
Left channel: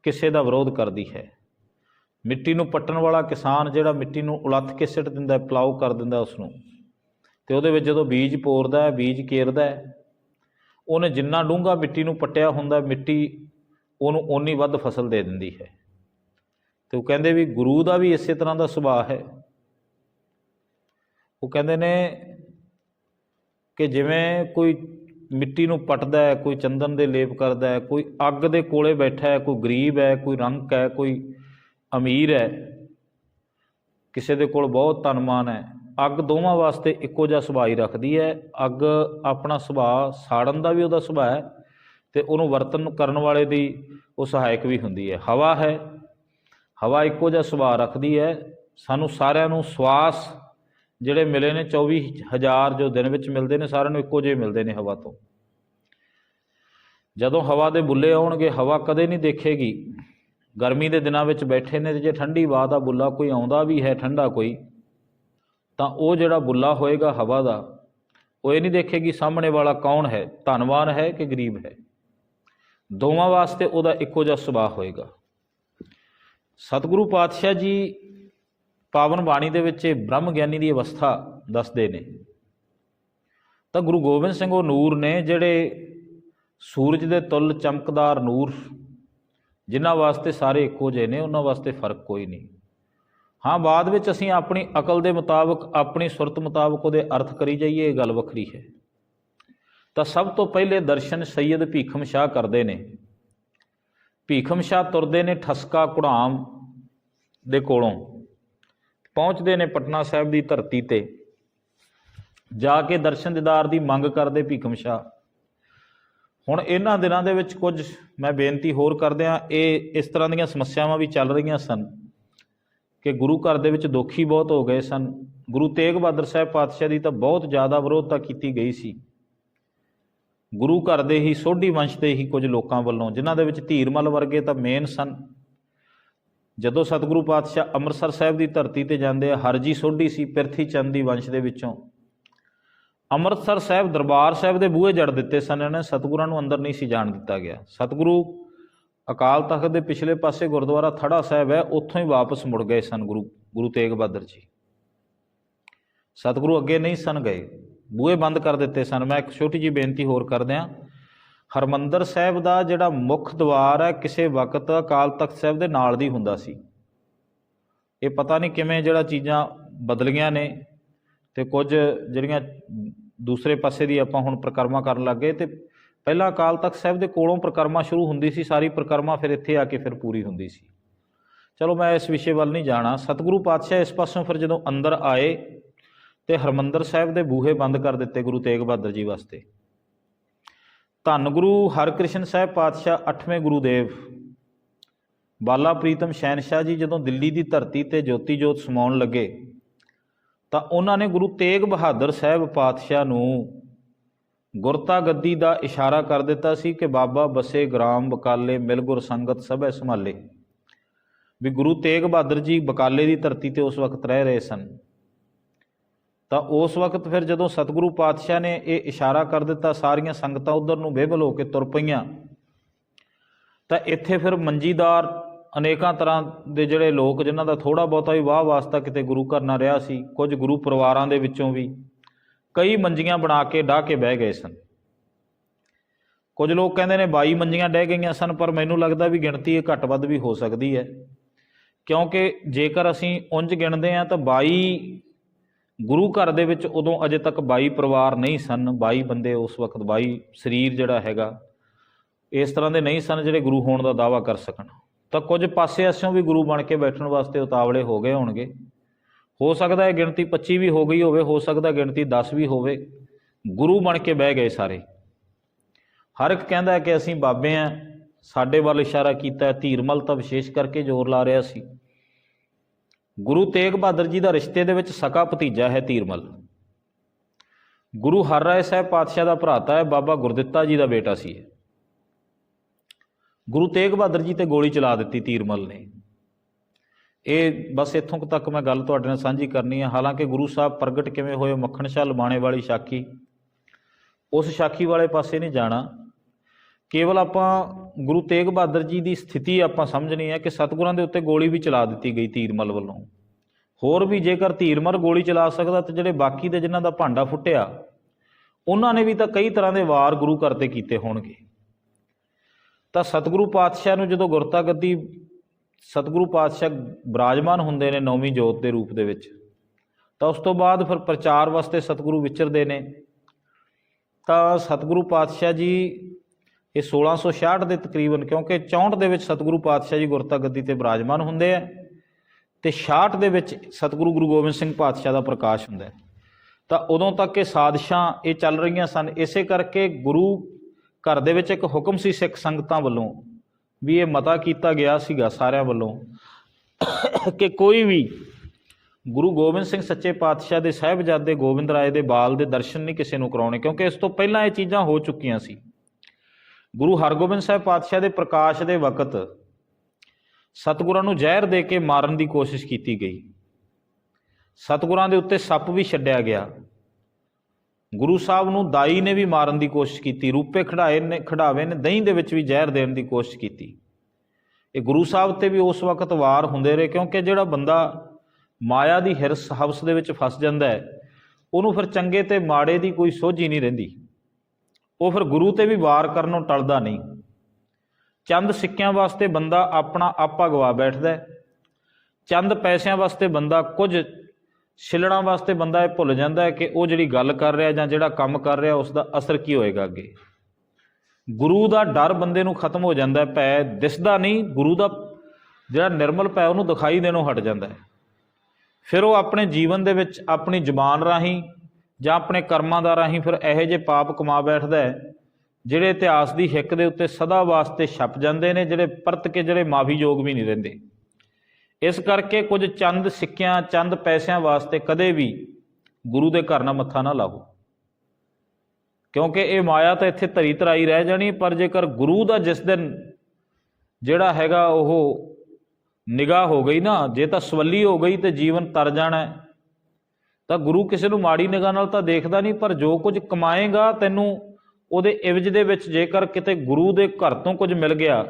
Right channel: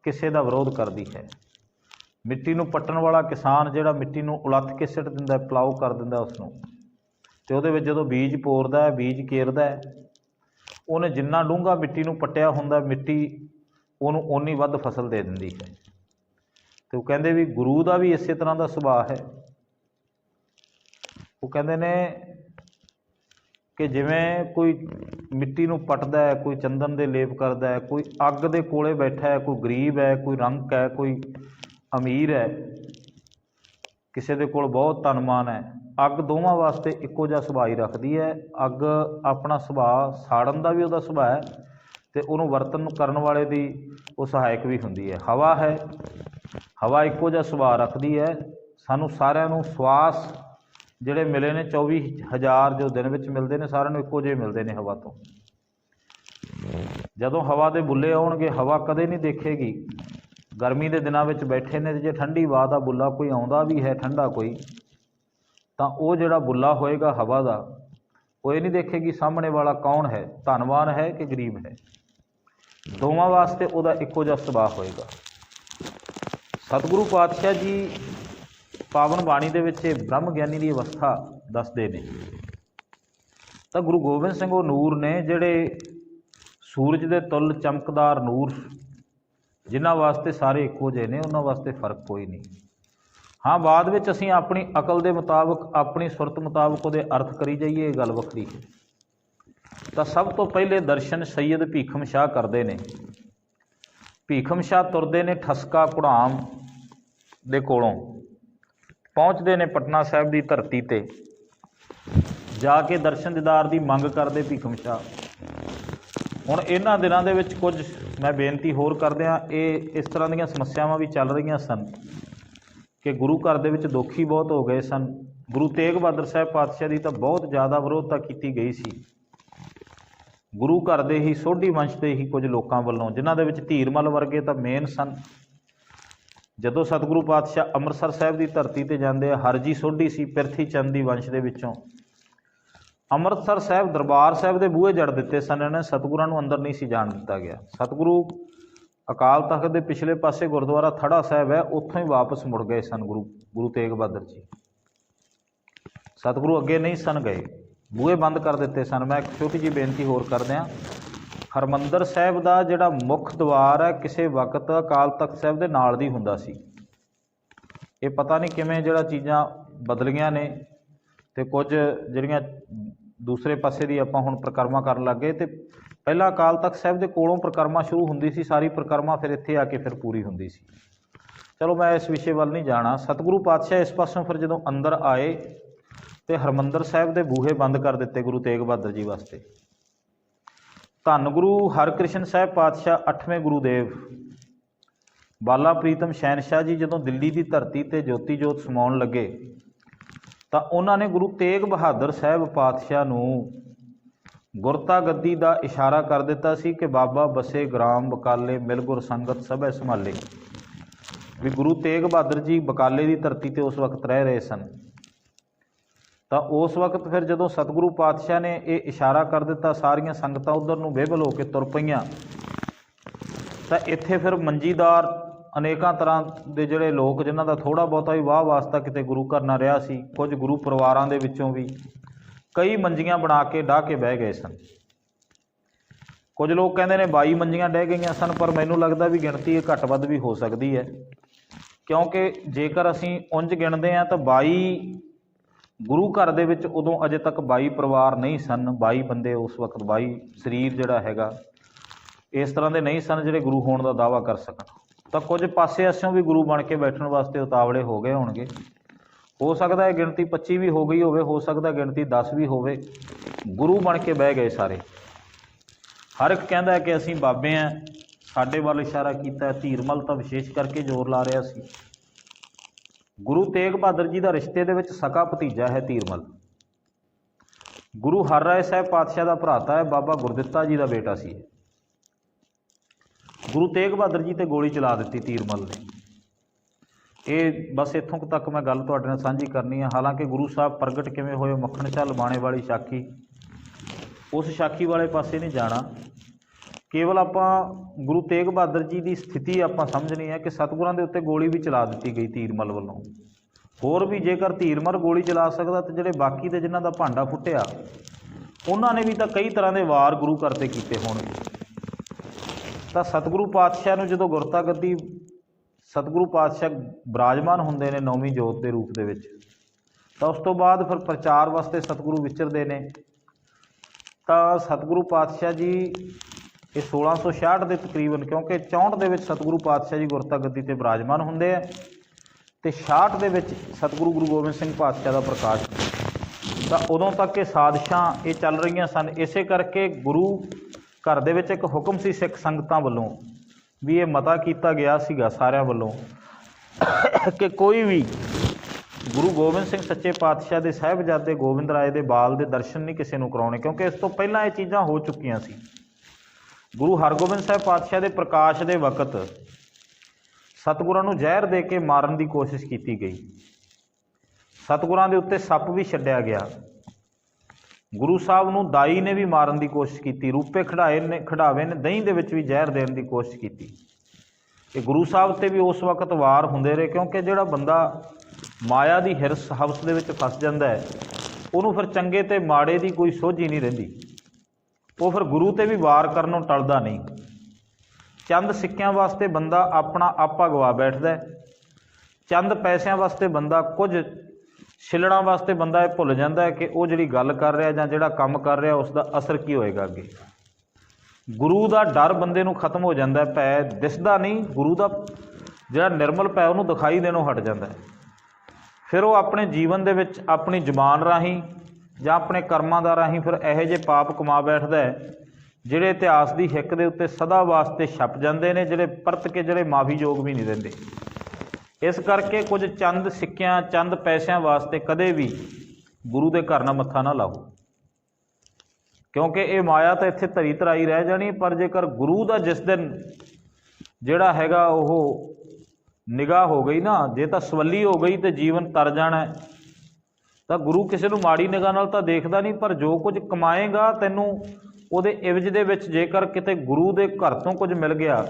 किसी का विरोध करती है। मिट्टी नूं पट्टण वाला किसान जिहड़ा मिट्टी नूं उलथ के सिट दिंदा पलाऊ कर दिंदा उसनूं ते उहदे विच जदों बीज पोरदा है बीज केरदा है उहने जिन्ना डूंगा मिट्टी नूं पट्टिया हुंदा मिट्टी ਉਹਨੂੰ ਓਨੀ ਵੱਧ ਫਸਲ ਦੇ ਦਿੰਦੀ ਹੈ। ਅਤੇ ਉਹ ਕਹਿੰਦੇ ਵੀ ਗੁਰੂ ਦਾ ਵੀ ਇਸੇ ਤਰ੍ਹਾਂ ਦਾ ਸੁਭਾਅ ਹੈ। ਉਹ ਕਹਿੰਦੇ ਨੇ ਕਿ ਜਿਵੇਂ ਕੋਈ ਮਿੱਟੀ ਨੂੰ ਪੱਟਦਾ ਹੈ, ਕੋਈ ਚੰਦਨ ਦੇ ਲੇਪ ਕਰਦਾ ਹੈ, ਕੋਈ ਅੱਗ ਦੇ ਕੋਲੇ ਬੈਠਾ ਹੈ, ਕੋਈ ਗਰੀਬ ਹੈ, ਕੋਈ ਰੰਕ ਹੈ, ਕੋਈ ਅਮੀਰ ਹੈ, ਕਿਸੇ ਦੇ ਕੋਲ ਬਹੁਤ ਧਨਮਾਨ ਹੈ, ਅੱਗ ਦੋਵਾਂ ਵਾਸਤੇ ਇੱਕੋ ਜਿਹਾ ਸੁਭਾਅ ਹੀ ਰੱਖਦੀ ਹੈ। ਅੱਗ ਆਪਣਾ ਸੁਭਾਅ ਸਾੜਨ ਦਾ ਵੀ ਉਹਦਾ ਸੁਭਾਅ ਹੈ ਅਤੇ ਉਹਨੂੰ ਵਰਤਨ ਕਰਨ ਵਾਲੇ ਦੀ ਉਹ ਸਹਾਇਕ ਵੀ ਹੁੰਦੀ ਹੈ। ਹਵਾ ਹੈ, ਹਵਾ ਇੱਕੋ ਜਿਹਾ ਸੁਭਾਅ ਰੱਖਦੀ ਹੈ। ਸਾਨੂੰ ਸਾਰਿਆਂ ਨੂੰ ਸਵਾਸ ਜਿਹੜੇ ਮਿਲੇ ਨੇ 24,000 ਜੋ ਦਿਨ ਵਿੱਚ ਮਿਲਦੇ ਨੇ, ਸਾਰਿਆਂ ਨੂੰ ਇੱਕੋ ਜਿਹੇ ਮਿਲਦੇ ਨੇ ਹਵਾ ਤੋਂ। ਜਦੋਂ ਹਵਾ ਦੇ ਬੁੱਲੇ ਆਉਣਗੇ, ਹਵਾ ਕਦੇ ਨਹੀਂ ਦੇਖੇਗੀ। ਗਰਮੀ ਦੇ ਦਿਨਾਂ ਵਿੱਚ ਬੈਠੇ ਨੇ, ਜੇ ਠੰਡੀ ਹਵਾ ਦਾ ਬੁੱਲਾ ਕੋਈ ਆਉਂਦਾ ਵੀ ਹੈ ਠੰਡਾ ਕੋਈ, ਤਾਂ ਉਹ ਜਿਹੜਾ ਬੁੱਲਾ ਹੋਏਗਾ ਹਵਾ ਦਾ, ਉਹ ਇਹ ਨਹੀਂ ਦੇਖੇਗੀ ਸਾਹਮਣੇ ਵਾਲਾ ਕੌਣ ਹੈ, ਧਨਵਾਨ ਹੈ ਕਿ ਗਰੀਬ ਹੈ। ਦੋਵਾਂ ਵਾਸਤੇ ਉਹਦਾ ਇੱਕੋ ਜਿਹਾ ਸੁਭਾਅ ਹੋਏਗਾ। ਸਤਿਗੁਰੂ ਪਾਤਸ਼ਾਹ ਜੀ ਪਾਵਨ ਬਾਣੀ ਦੇ ਵਿੱਚ ਇਹ ਬ੍ਰਹਮ ਗਿਆਨੀ ਦੀ ਅਵਸਥਾ ਦੱਸਦੇ ਨੇ। ਤਾਂ ਗੁਰੂ ਗੋਬਿੰਦ ਸਿੰਘ ਉਹ ਨੂਰ ਨੇ ਜਿਹੜੇ ਸੂਰਜ ਦੇ ਤੁੱਲ ਚਮਕਦਾਰ ਨੂਰ, ਜਿਨ੍ਹਾਂ ਵਾਸਤੇ ਸਾਰੇ ਇੱਕੋ ਜਿਹੇ ਨੇ, ਉਹਨਾਂ ਵਾਸਤੇ ਫਰਕ ਕੋਈ ਨਹੀਂ। ਹਾਂ, ਬਾਅਦ ਵਿੱਚ ਅਸੀਂ ਆਪਣੀ ਅਕਲ ਦੇ ਮੁਤਾਬਕ, ਆਪਣੀ ਸੁਰਤ ਮੁਤਾਬਕ ਉਹਦੇ ਅਰਥ ਕਰੀ ਜਾਈਏ, ਇਹ ਗੱਲ ਵੱਖਰੀ ਹੈ। ਤਾਂ ਸਭ ਤੋਂ ਪਹਿਲੇ ਦਰਸ਼ਨ ਸੈਯਦ ਭੀਖਮ ਸ਼ਾਹ ਕਰਦੇ ਨੇ। ਭੀਖਮ ਸ਼ਾਹ ਤੁਰਦੇ ਨੇ ਠਸਕਾ ਘੁੜਾਮ ਦੇ ਕੋਲੋਂ, ਪਹੁੰਚਦੇ ਨੇ ਪਟਨਾ ਸਾਹਿਬ ਦੀ ਧਰਤੀ 'ਤੇ, ਜਾ ਕੇ ਦਰਸ਼ਨ ਦੀਦਾਰ ਦੀ ਮੰਗ ਕਰਦੇ ਭੀਖਮ ਸ਼ਾਹ। ਹੁਣ ਇਹਨਾਂ ਦਿਨਾਂ ਦੇ ਵਿੱਚ ਕੁਝ ਮੈਂ ਬੇਨਤੀ ਹੋਰ ਕਰਦਿਆਂ, ਇਹ ਇਸ ਤਰ੍ਹਾਂ ਦੀਆਂ ਸਮੱਸਿਆਵਾਂ ਵੀ ਚੱਲ ਰਹੀਆਂ ਸਨ ਕਿ ਗੁਰੂ ਘਰ ਦੇ ਵਿੱਚ ਦੁੱਖ ਹੀ ਬਹੁਤ ਹੋ ਗਏ ਸਨ। ਗੁਰੂ ਤੇਗ ਬਹਾਦਰ ਸਾਹਿਬ ਪਾਤਸ਼ਾਹ ਦੀ ਤਾਂ ਬਹੁਤ ਜ਼ਿਆਦਾ ਵਿਰੋਧਤਾ ਕੀਤੀ ਗਈ ਸੀ ਗੁਰੂ ਘਰ ਦੇ ਹੀ ਸੋਢੀ ਵੰਸ਼ ਦੇ ਹੀ ਕੁਝ ਲੋਕਾਂ ਵੱਲੋਂ, ਜਿਨ੍ਹਾਂ ਦੇ ਵਿੱਚ ਧੀਰਮਲ ਵਰਗੇ ਤਾਂ ਮੇਨ ਸਨ। ਜਦੋਂ ਸਤਿਗੁਰੂ ਪਾਤਸ਼ਾਹ ਅੰਮ੍ਰਿਤਸਰ ਸਾਹਿਬ ਦੀ ਧਰਤੀ 'ਤੇ ਜਾਂਦੇ ਆ, ਹਰਜੀ ਸੋਢੀ ਸੀ ਪਿਰਥੀ ਚੰਦ ਦੀ ਵੰਸ਼ ਦੇ ਵਿੱਚੋਂ। ਅੰਮ੍ਰਿਤਸਰ ਸਾਹਿਬ ਦਰਬਾਰ ਸਾਹਿਬ ਦੇ ਬੂਹੇ ਜੜ ਦਿੱਤੇ ਸਨ ਇਹਨਾਂ ਨੇ, ਸਤਿਗੁਰਾਂ ਨੂੰ ਅੰਦਰ ਨਹੀਂ ਸੀ ਜਾਣ ਦਿੱਤਾ ਗਿਆ। ਸਤਿਗੁਰੂ ਅਕਾਲ ਤਖਤ ਦੇ ਪਿਛਲੇ ਪਾਸੇ ਗੁਰਦੁਆਰਾ ਥੜਾ ਸਾਹਿਬ ਹੈ, ਉੱਥੋਂ ਹੀ ਵਾਪਸ ਮੁੜ ਗਏ ਸਨ ਗੁਰੂ ਤੇਗ ਬਹਾਦਰ ਜੀ। ਸਤਿਗੁਰੂ ਅੱਗੇ ਨਹੀਂ ਸਨ ਗਏ, ਬੂਹੇ ਬੰਦ ਕਰ ਦਿੱਤੇ ਸਨ। ਮੈਂ ਇੱਕ ਛੋਟੀ ਜਿਹੀ ਬੇਨਤੀ ਹੋਰ ਕਰਦਿਆਂ, ਹਰਿਮੰਦਰ ਸਾਹਿਬ ਦਾ ਜਿਹੜਾ ਮੁੱਖ ਦੁਆਰ ਹੈ ਕਿਸੇ ਵਕਤ ਅਕਾਲ ਤਖਤ ਸਾਹਿਬ ਦੇ ਨਾਲ ਦੀ ਹੁੰਦਾ ਸੀ। ਇਹ ਪਤਾ ਨਹੀਂ ਕਿਵੇਂ ਜਿਹੜਾ ਚੀਜ਼ਾਂ ਬਦਲੀਆਂ ਨੇ ਅਤੇ ਕੁਝ ਜਿਹੜੀਆਂ ਦੂਸਰੇ ਪਾਸੇ ਦੀ ਆਪਾਂ ਹੁਣ ਪ੍ਰਕਰਮਾ ਕਰਨ ਲੱਗ ਗਏ। ਅਤੇ ਪਹਿਲਾਂ ਅਕਾਲ ਤਖਤ ਸਾਹਿਬ ਦੇ ਕੋਲੋਂ ਪ੍ਰਕਰਮਾ ਸ਼ੁਰੂ ਹੁੰਦੀ ਸੀ, ਸਾਰੀ ਪ੍ਰਕਰਮਾ ਫਿਰ ਇੱਥੇ ਆ ਕੇ ਫਿਰ ਪੂਰੀ ਹੁੰਦੀ ਸੀ। ਚਲੋ ਮੈਂ ਇਸ ਵਿਸ਼ੇ ਵੱਲ ਨਹੀਂ ਜਾਣਾ। ਸਤਿਗੁਰੂ ਪਾਤਸ਼ਾਹ ਇਸ ਪਾਸੋਂ ਫਿਰ ਜਦੋਂ ਅੰਦਰ ਆਏ ਅਤੇ ਹਰਿਮੰਦਰ ਸਾਹਿਬ ਦੇ ਬੂਹੇ ਬੰਦ ਕਰ ਦਿੱਤੇ ਗੁਰੂ ਤੇਗ ਬਹਾਦਰ ਜੀ ਵਾਸਤੇ। ਧੰਨ ਗੁਰੂ ਹਰਕ੍ਰਿਸ਼ਨ ਸਾਹਿਬ ਪਾਤਸ਼ਾਹ 8ਵੇਂ ਗੁਰੂਦੇਵ ਬਾਲਾ ਪ੍ਰੀਤਮ ਸ਼ਹਿਨਸ਼ਾਹ ਜੀ ਜਦੋਂ ਦਿੱਲੀ ਦੀ ਧਰਤੀ 'ਤੇ ਜੋਤੀ ਜੋਤ ਸਮਾਉਣ ਲੱਗੇ, ਤਾਂ ਉਹਨਾਂ ਨੇ ਗੁਰੂ ਤੇਗ ਬਹਾਦਰ ਸਾਹਿਬ ਪਾਤਸ਼ਾਹ ਨੂੰ ਗੁਰਤਾ ਗੱਦੀ ਦਾ ਇਸ਼ਾਰਾ ਕਰ ਦਿੱਤਾ ਸੀ ਕਿ ਬਾਬਾ ਬਸੇ ਗ੍ਰਾਮ ਬਕਾਲੇ ਮਿਲ ਗੁਰ ਸੰਗਤ ਸਭੈ ਸੰਭਾਲੇ। ਵੀ ਗੁਰੂ ਤੇਗ ਬਹਾਦਰ ਜੀ ਬਕਾਲੇ ਦੀ ਧਰਤੀ 'ਤੇ ਉਸ ਵਕਤ ਰਹਿ ਰਹੇ ਸਨ। ਤਾਂ ਉਸ ਵਕਤ ਫਿਰ ਜਦੋਂ ਸਤਿਗੁਰੂ ਪਾਤਸ਼ਾਹ ਨੇ ਇਹ ਇਸ਼ਾਰਾ ਕਰ ਦਿੱਤਾ, ਸਾਰੀਆਂ ਸੰਗਤਾਂ ਉੱਧਰ ਨੂੰ ਬੇਵਲ ਹੋ ਕੇ ਤੁਰ ਪਈਆਂ। ਤਾਂ ਇੱਥੇ ਫਿਰ ਮੰਜੀਦਾਰ ਅਨੇਕਾਂ ਤਰ੍ਹਾਂ ਦੇ ਜਿਹੜੇ ਲੋਕ, ਜਿਨ੍ਹਾਂ ਦਾ ਥੋੜ੍ਹਾ ਬਹੁਤਾ ਵੀ ਵਾਹ ਵਾਸਤਾ ਕਿਤੇ ਗੁਰੂ ਘਰ ਨਾ ਰਿਹਾ ਸੀ, ਕੁਝ ਗੁਰੂ ਪਰਿਵਾਰਾਂ ਦੇ ਵਿੱਚੋਂ ਵੀ ਕਈ ਮੰਜੀਆਂ ਬਣਾ ਕੇ ਡਾਹ ਕੇ ਬਹਿ ਗਏ ਸਨ। ਕੁਝ ਲੋਕ ਕਹਿੰਦੇ ਨੇ 22 ਮੰਜੀਆਂ ਡਹਿ ਗਈਆਂ ਸਨ, ਪਰ ਮੈਨੂੰ ਲੱਗਦਾ ਵੀ ਗਿਣਤੀ ਇਹ ਘੱਟ ਵੱਧ ਵੀ ਹੋ ਸਕਦੀ ਹੈ, ਕਿਉਂਕਿ ਜੇਕਰ ਅਸੀਂ ਉਂਝ ਗਿਣਦੇ ਹਾਂ ਤਾਂ 22 ਗੁਰੂ ਘਰ ਦੇ ਵਿੱਚ ਉਦੋਂ ਅਜੇ ਤੱਕ 22 ਪਰਿਵਾਰ ਨਹੀਂ ਸਨ। 22 ਬੰਦੇ ਉਸ ਵਕਤ, 22 ਸਰੀਰ ਜਿਹੜਾ ਹੈਗਾ ਇਸ ਤਰ੍ਹਾਂ ਦੇ ਨਹੀਂ ਸਨ ਜਿਹੜੇ ਗੁਰੂ ਹੋਣ ਦਾ ਦਾਅਵਾ ਕਰ ਸਕਣ। ਤਾਂ ਕੁਝ ਪਾਸੇ ਅਸਿਓਂ ਵੀ ਗੁਰੂ ਬਣ ਕੇ ਬੈਠਣ ਵਾਸਤੇ ਉਤਾਵਲੇ ਹੋ ਗਏ ਹੋਣਗੇ। ਹੋ ਸਕਦਾ ਇਹ ਗਿਣਤੀ 25 ਵੀ ਹੋ ਗਈ ਹੋਵੇ, ਹੋ ਸਕਦਾ ਗਿਣਤੀ 10 ਵੀ ਹੋਵੇ। ਗੁਰੂ ਬਣ ਕੇ ਬਹਿ ਗਏ ਸਾਰੇ। ਹਰ ਇੱਕ ਕਹਿੰਦਾ ਕਿ ਅਸੀਂ ਬਾਬੇ ਹਾਂ, ਸਾਡੇ ਵੱਲ ਇਸ਼ਾਰਾ ਕੀਤਾ। ਧੀਰਮਲ ਤਾਂ ਵਿਸ਼ੇਸ਼ ਕਰਕੇ ਜ਼ੋਰ ਲਾ ਰਿਹਾ ਸੀ। ਗੁਰੂ ਤੇਗ ਬਹਾਦਰ ਜੀ ਦਾ ਰਿਸ਼ਤੇ ਦੇ ਵਿੱਚ ਸਕਾ ਭਤੀਜਾ ਹੈ ਧੀਰਮਲ। ਗੁਰੂ ਹਰਰਾਏ ਸਾਹਿਬ ਪਾਤਸ਼ਾਹ ਦਾ ਭਰਾਤਾ ਹੈ, ਬਾਬਾ ਗੁਰਦਿੱਤਾ ਜੀ ਦਾ ਬੇਟਾ ਸੀ। ਗੁਰੂ ਤੇਗ ਬਹਾਦਰ ਜੀ 'ਤੇ ਗੋਲੀ ਚਲਾ ਦਿੱਤੀ ਧੀਰਮਲ ਨੇ। ਇਹ ਬਸ ਇੱਥੋਂ ਤੱਕ ਮੈਂ ਗੱਲ ਤੁਹਾਡੇ ਨਾਲ ਸਾਂਝੀ ਕਰਨੀ ਹੈ। ਹਾਲਾਂਕਿ ਗੁਰੂ ਸਾਹਿਬ ਪ੍ਰਗਟ ਕਿਵੇਂ ਹੋਏ, ਮੱਖਣ ਸ਼ਾਹ ਲਬਾਣੇ ਵਾਲੀ ਸਾਖੀ, ਉਸ ਸਾਖੀ ਵਾਲੇ ਪਾਸੇ ਨਹੀਂ ਜਾਣਾ। ਕੇਵਲ ਆਪਾਂ ਗੁਰੂ ਤੇਗ ਬਹਾਦਰ ਜੀ ਦੀ ਸਥਿਤੀ ਆਪਾਂ ਸਮਝਣੀ ਹੈ ਕਿ ਸਤਿਗੁਰਾਂ ਦੇ ਉੱਤੇ ਗੋਲੀ ਵੀ ਚਲਾ ਦਿੱਤੀ ਗਈ ਧੀਰਮਲ ਵੱਲੋਂ। ਹੋਰ ਵੀ ਜੇਕਰ ਧੀਰਮਲ ਗੋਲੀ ਚਲਾ ਸਕਦਾ ਤਾਂ ਜਿਹੜੇ ਬਾਕੀ ਦੇ ਜਿਨ੍ਹਾਂ ਦਾ ਭਾਂਡਾ ਫੁੱਟਿਆ, ਉਹਨਾਂ ਨੇ ਵੀ ਤਾਂ ਕਈ ਤਰ੍ਹਾਂ ਦੇ ਵਾਰ ਗੁਰੂ ਘਰ 'ਤੇ ਕੀਤੇ ਹੋਣਗੇ। ਤਾਂ ਸਤਿਗੁਰੂ ਪਾਤਸ਼ਾਹ ਨੂੰ ਜਦੋਂ ਗੁਰਤਾ ਗੱਦੀ ਸਤਿਗੁਰੂ ਪਾਤਸ਼ਾਹ ਬਿਰਾਜਮਾਨ ਹੁੰਦੇ ਨੇ ਨੌਵੀਂ ਜੋਤ ਦੇ ਰੂਪ ਦੇ ਵਿੱਚ, ਤਾਂ ਉਸ ਤੋਂ ਬਾਅਦ ਫਿਰ ਪ੍ਰਚਾਰ ਵਾਸਤੇ ਸਤਿਗੁਰੂ ਵਿਚਰਦੇ ਨੇ। ਤਾਂ ਸਤਿਗੁਰੂ ਪਾਤਸ਼ਾਹ ਜੀ ਇਹ 1666 ਦੇ ਤਕਰੀਬਨ, ਕਿਉਂਕਿ 64 ਦੇ ਵਿੱਚ ਸਤਿਗੁਰੂ ਪਾਤਸ਼ਾਹ ਜੀ ਗੁਰਤਾ ਗੱਦੀ 'ਤੇ ਬਿਰਾਜਮਾਨ ਹੁੰਦੇ ਆ ਅਤੇ 66 ਦੇ ਵਿੱਚ ਸਤਿਗੁਰੂ ਗੁਰੂ ਗੋਬਿੰਦ ਸਿੰਘ ਪਾਤਸ਼ਾਹ ਦਾ ਪ੍ਰਕਾਸ਼ ਹੁੰਦਾ। ਤਾਂ ਉਦੋਂ ਤੱਕ ਇਹ ਸਾਜ਼ਿਸ਼ਾਂ ਇਹ ਚੱਲ ਰਹੀਆਂ ਸਨ। ਇਸੇ ਕਰਕੇ ਗੁਰੂ ਘਰ ਦੇ ਵਿੱਚ ਇੱਕ ਹੁਕਮ ਸੀ ਸਿੱਖ ਸੰਗਤਾਂ ਵੱਲੋਂ ਵੀ ਇਹ ਮਤਾ ਕੀਤਾ ਗਿਆ ਸੀਗਾ ਸਾਰਿਆਂ ਵੱਲੋਂ ਕਿ ਕੋਈ ਵੀ ਗੁਰੂ ਗੋਬਿੰਦ ਸਿੰਘ ਸੱਚੇ ਪਾਤਸ਼ਾਹ ਦੇ ਸਾਹਿਬਜ਼ਾਦੇ ਗੋਬਿੰਦ ਰਾਏ ਦੇ ਬਾਲ ਦੇ ਦਰਸ਼ਨ ਨਹੀਂ ਕਿਸੇ ਨੂੰ ਕਰਾਉਣੇ, ਕਿਉਂਕਿ ਇਸ ਤੋਂ ਪਹਿਲਾਂ ਇਹ ਚੀਜ਼ਾਂ ਹੋ ਚੁੱਕੀਆਂ ਸੀ। ਗੁਰੂ ਹਰਗੋਬਿੰਦ ਸਾਹਿਬ ਪਾਤਸ਼ਾਹ ਦੇ ਪ੍ਰਕਾਸ਼ ਦੇ ਵਕਤ ਸਤਿਗੁਰਾਂ ਨੂੰ ਜ਼ਹਿਰ ਦੇ ਕੇ ਮਾਰਨ ਦੀ ਕੋਸ਼ਿਸ਼ ਕੀਤੀ ਗਈ। ਸਤਿਗੁਰਾਂ ਦੇ ਉੱਤੇ ਸੱਪ ਵੀ ਛੱਡਿਆ ਗਿਆ। ਗੁਰੂ ਸਾਹਿਬ ਨੂੰ ਦਾਈ ਨੇ ਵੀ ਮਾਰਨ ਦੀ ਕੋਸ਼ਿਸ਼ ਕੀਤੀ। ਰੂਪੇ ਖੜਾਵੇ ਨੇ ਦਹੀਂ ਦੇ ਵਿੱਚ ਵੀ ਜ਼ਹਿਰ ਦੇਣ ਦੀ ਕੋਸ਼ਿਸ਼ ਕੀਤੀ। ਇਹ ਗੁਰੂ ਸਾਹਿਬ 'ਤੇ ਵੀ ਉਸ ਵਕਤ ਵਾਰ ਹੁੰਦੇ ਰਹੇ, ਕਿਉਂਕਿ ਜਿਹੜਾ ਬੰਦਾ ਮਾਇਆ ਦੀ ਹਿਰਸ ਹਵਸ ਦੇ ਵਿੱਚ ਫਸ ਜਾਂਦਾ ਹੈ ਉਹਨੂੰ ਫਿਰ ਚੰਗੇ ਤੇ ਮਾੜੇ ਦੀ ਕੋਈ ਸੋਝੀ ਨਹੀਂ ਰਹਿੰਦੀ। ਉਹ ਫਿਰ ਗੁਰੂ 'ਤੇ ਵੀ ਵਾਰ ਕਰਨੋਂ ਟਲਦਾ ਨਹੀਂ। ਚੰਦ ਸਿੱਕਿਆਂ ਵਾਸਤੇ ਬੰਦਾ ਆਪਣਾ ਆਪਾ ਗਵਾ ਬੈਠਦਾ ਹੈ। ਚੰਦ ਪੈਸਿਆਂ ਵਾਸਤੇ ਬੰਦਾ, ਕੁਝ ਛਿਲੜਾਂ ਵਾਸਤੇ ਬੰਦਾ ਇਹ ਭੁੱਲ ਜਾਂਦਾ ਹੈ ਕਿ ਉਹ ਜਿਹੜੀ ਗੱਲ ਕਰ ਰਿਹਾ ਜਾਂ ਜਿਹੜਾ ਕੰਮ ਕਰ ਰਿਹਾ ਉਸ ਦਾ ਅਸਰ ਕੀ ਹੋਏਗਾ ਅੱਗੇ। ਗੁਰੂ ਦਾ ਡਰ ਬੰਦੇ ਨੂੰ ਖਤਮ ਹੋ ਜਾਂਦਾ ਹੈ। ਭੈ ਦਿਸਦਾ ਨਹੀਂ, ਗੁਰੂ ਦਾ ਜਿਹੜਾ ਨਿਰਮਲ ਭੈ ਉਹਨੂੰ ਦਿਖਾਈ ਦੇਣੋਂ ਹਟ ਜਾਂਦਾ ਹੈ। ਫਿਰ ਉਹ ਆਪਣੇ ਜੀਵਨ ਦੇ ਵਿੱਚ ਆਪਣੀ ਜ਼ੁਬਾਨ ਰਾਹੀਂ ਜਾਂ ਆਪਣੇ ਕਰਮਾਂ ਦਾ ਰਾਹੀਂ ਫਿਰ ਇਹੋ ਜਿਹੇ ਪਾਪ ਕਮਾ ਬੈਠਦਾ ਹੈ ਜਿਹੜੇ ਇਤਿਹਾਸ ਦੀ ਹਿੱਕ ਦੇ ਉੱਤੇ ਸਦਾ ਵਾਸਤੇ ਛਪ ਜਾਂਦੇ ਨੇ, ਜਿਹੜੇ ਪਰਤ ਕੇ ਜਿਹੜੇ ਮਾਫੀਯੋਗ ਵੀ ਨਹੀਂ ਰਹਿੰਦੇ। ਇਸ ਕਰਕੇ ਕੁਝ ਚੰਦ ਸਿੱਕਿਆਂ ਚੰਦ ਪੈਸਿਆਂ ਵਾਸਤੇ ਕਦੇ ਵੀ ਗੁਰੂ ਦੇ ਘਰ ਨਾਲ ਮੱਥਾ ਨਾ ਲਾਓ, ਕਿਉਂਕਿ ਇਹ ਮਾਇਆ ਤਾਂ ਇੱਥੇ ਧਰੀ ਧਰਾਈ ਰਹਿ ਜਾਣੀ। ਪਰ ਜੇਕਰ ਗੁਰੂ ਦਾ ਜਿਸ ਦਿਨ ਜਿਹੜਾ ਹੈਗਾ ਉਹ ਨਿਗਾਹ ਹੋ ਗਈ ਨਾ, ਜੇ ਤਾਂ ਸਵੱਲੀ ਹੋ ਗਈ ਤੇ ਜੀਵਨ ਤਰ ਜਾਣਾ। ਤਾਂ ਗੁਰੂ ਕਿਸੇ ਨੂੰ ਮਾੜੀ ਨਿਗਾਹ ਨਾਲ ਤਾਂ ਦੇਖਦਾ ਨਹੀਂ, ਪਰ ਜੋ ਕੁਝ ਕਮਾਏਗਾ ਤੈਨੂੰ ਉਹਦੇ ਇਵਜ਼ ਦੇ ਵਿੱਚ ਜੇਕਰ ਕਿਤੇ ਗੁਰੂ ਦੇ ਘਰ ਤੋਂ ਕੁਝ ਮਿਲ ਗਿਆ,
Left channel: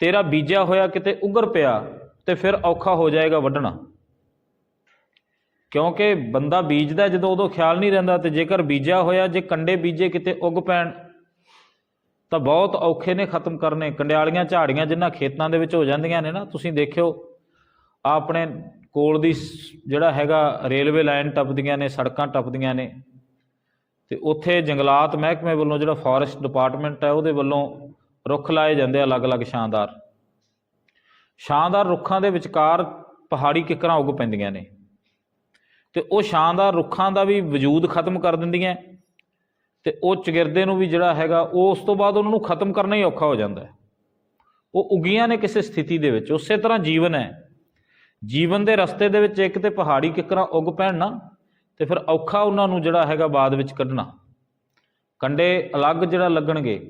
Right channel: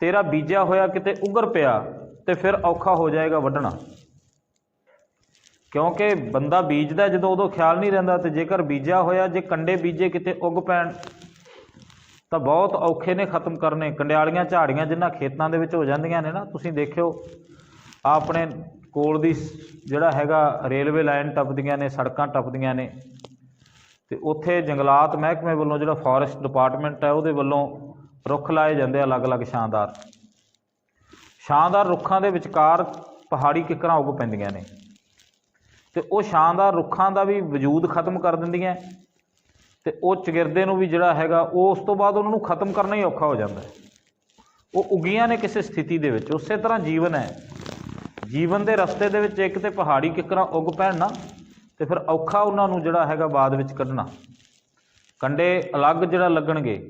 ਤੇਰਾ ਬੀਜਿਆ ਹੋਇਆ ਕਿਤੇ ਉੱਗਰ ਪਿਆ, ਤੇ ਫਿਰ ਔਖਾ ਹੋ ਜਾਏਗਾ ਵੱਢਣਾ। ਕਿਉਂਕਿ ਬੰਦਾ ਬੀਜਦਾ ਜਦੋਂ ਉਦੋਂ ਖਿਆਲ ਨਹੀਂ ਰਹਿੰਦਾ, ਤੇ ਜੇਕਰ ਬੀਜਿਆ ਹੋਇਆ ਜੇ ਕੰਡੇ ਬੀਜੇ ਕਿਤੇ ਉੱਗ ਪੈਣ ਤਾਂ ਬਹੁਤ ਔਖੇ ਨੇ ਖਤਮ ਕਰਨੇ। ਕੰਡਿਆਲੀਆਂ ਝਾੜੀਆਂ ਜਿਨ੍ਹਾਂ ਖੇਤਾਂ ਦੇ ਵਿੱਚ ਹੋ ਜਾਂਦੀਆਂ ਨੇ ਨਾ, ਤੁਸੀਂ ਦੇਖਿਓ ਆ ਆਪਣੇ ਕੋਲ ਦੀ ਜਿਹੜਾ ਹੈਗਾ ਰੇਲਵੇ ਲਾਈਨ ਟੱਪਦੀਆਂ ਨੇ, ਸੜਕਾਂ ਟੱਪਦੀਆਂ ਨੇ, ਤੇ ਉੱਥੇ ਜੰਗਲਾਤ ਮਹਿਕਮੇ ਵੱਲੋਂ ਜਿਹੜਾ ਫੋਰੈਸਟ ਡਿਪਾਰਟਮੈਂਟ ਹੈ ਉਹਦੇ ਵੱਲੋਂ ਰੁੱਖ ਲਾਏ ਜਾਂਦੇ ਅਲੱਗ-ਅਲੱਗ ਸ਼ਾਨਦਾਰ ਰੁੱਖਾਂ ਦੇ ਵਿਚਕਾਰ ਪਹਾੜੀ ਕਿੱਕਰਾਂ ਉੱਗ ਪੈਂਦੀਆਂ ਨੇ, ਤੇ ਉਹ ਸ਼ਾਨਦਾਰ ਰੁੱਖਾਂ ਦਾ ਵੀ ਵਜੂਦ ਖਤਮ ਕਰ ਦਿੰਦੀਆਂ, ਤੇ ਉਹ ਚਗਿਰਦੇ ਨੂੰ ਵੀ ਜਿਹੜਾ ਹੈਗਾ ਉਹ ਉਸ ਤੋਂ ਬਾਅਦ ਉਹਨਾਂ ਨੂੰ ਖਤਮ ਕਰਨਾ ਹੀ ਔਖਾ ਹੋ ਜਾਂਦਾ ਹੈ। ਉਹ ਉੱਗੀਆਂ ਨੇ ਕਿਸੇ ਸਥਿਤੀ ਦੇ ਵਿੱਚ। ਉਸੇ ਤਰ੍ਹਾਂ ਜੀਵਨ ਹੈ। ਜੀਵਨ ਦੇ ਰਸਤੇ ਦੇ ਵਿੱਚ ਇੱਕ ਤੇ ਪਹਾੜੀ ਕਿੱਕਰਾਂ ਉੱਗ ਪੈਣ ਨਾ, ਤੇ ਫਿਰ ਔਖਾ ਉਹਨਾਂ ਨੂੰ ਜਿਹੜਾ ਹੈਗਾ ਬਾਅਦ ਵਿੱਚ ਕੱਢਣਾ। ਕੰਡੇ ਅਲੱਗ ਜਿਹੜਾ ਲੱਗਣਗੇ।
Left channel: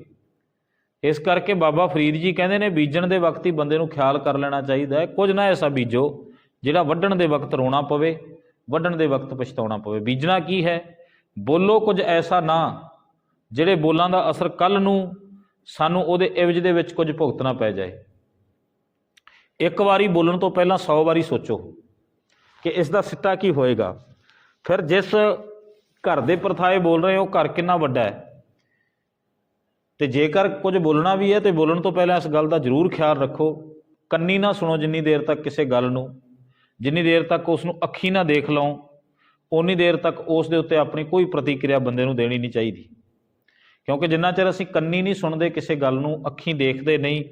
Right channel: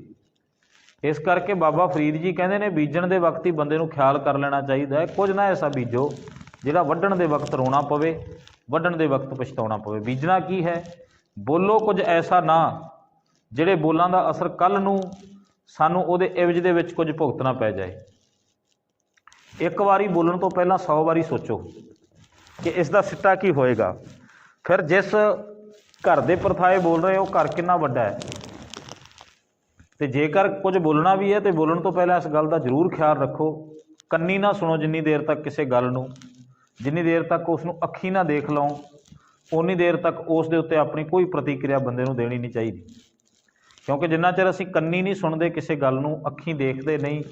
ਇਸ ਕਰਕੇ ਬਾਬਾ ਫਰੀਦ ਜੀ ਕਹਿੰਦੇ ਨੇ ਬੀਜਣ ਦੇ ਵਕਤ ਹੀ ਬੰਦੇ ਨੂੰ ਖਿਆਲ ਕਰ ਲੈਣਾ ਚਾਹੀਦਾ ਹੈ। ਕੁਝ ਨਾ ਐਸਾ ਬੀਜੋ ਜਿਹੜਾ ਵੱਢਣ ਦੇ ਵਕਤ ਰੋਣਾ ਪਵੇ, ਵੱਢਣ ਦੇ ਵਕਤ ਪਛਤਾਉਣਾ ਪਵੇ। ਬੀਜਣਾ ਕੀ ਹੈ? ਬੋਲੋ ਕੁਝ ਐਸਾ ਨਾ ਜਿਹੜੇ ਬੋਲਾਂ ਦਾ ਅਸਰ ਕੱਲ੍ਹ ਨੂੰ ਸਾਨੂੰ ਉਹਦੇ ਇਵਜ਼ ਦੇ ਵਿੱਚ ਕੁਝ ਭੁਗਤਣਾ ਪੈ ਜਾਏ। ਇੱਕ ਵਾਰੀ ਬੋਲਣ ਤੋਂ ਪਹਿਲਾਂ 100 ਵਾਰੀ ਸੋਚੋ ਕਿ ਇਸ ਦਾ ਸਿੱਟਾ ਕੀ ਹੋਏਗਾ। ਫਿਰ ਜਿਸ ਘਰ ਦੇ ਪ੍ਰਥਾਏ ਬੋਲ ਰਹੇ ਹੋ, ਘਰ ਕਿੰਨਾ ਵੱਡਾ ਹੈ, ਤੇ ਜੇਕਰ ਕੁਝ ਬੋਲਣਾ ਵੀ ਹੈ ਤੇ ਬੋਲਣ ਤੋਂ ਪਹਿਲਾਂ ਇਸ ਗੱਲ ਦਾ ਜ਼ਰੂਰ ਖਿਆਲ ਰੱਖੋ, ਕੰਨੀ ਨਾ ਸੁਣੋ ਜਿੰਨੀ ਦੇਰ ਤੱਕ ਕਿਸੇ ਗੱਲ ਨੂੰ, ਜਿੰਨੀ ਦੇਰ ਤੱਕ ਉਸ ਨੂੰ ਅੱਖੀਂ ਨਾ ਦੇਖ ਲਓ, ਉਨੀ ਦੇਰ ਤੱਕ ਉਸ ਦੇ ਉੱਤੇ ਆਪਣੀ ਕੋਈ ਪ੍ਰਤੀਕਿਰਿਆ ਬੰਦੇ ਨੂੰ ਦੇਣੀ ਨਹੀਂ ਚਾਹੀਦੀ। ਕਿਉਂਕਿ ਜਿੰਨਾ ਚਿਰ ਅਸੀਂ ਕੰਨੀ ਨਹੀਂ ਸੁਣਦੇ ਕਿਸੇ ਗੱਲ ਨੂੰ, ਅੱਖੀਂ ਦੇਖਦੇ ਨਹੀਂ,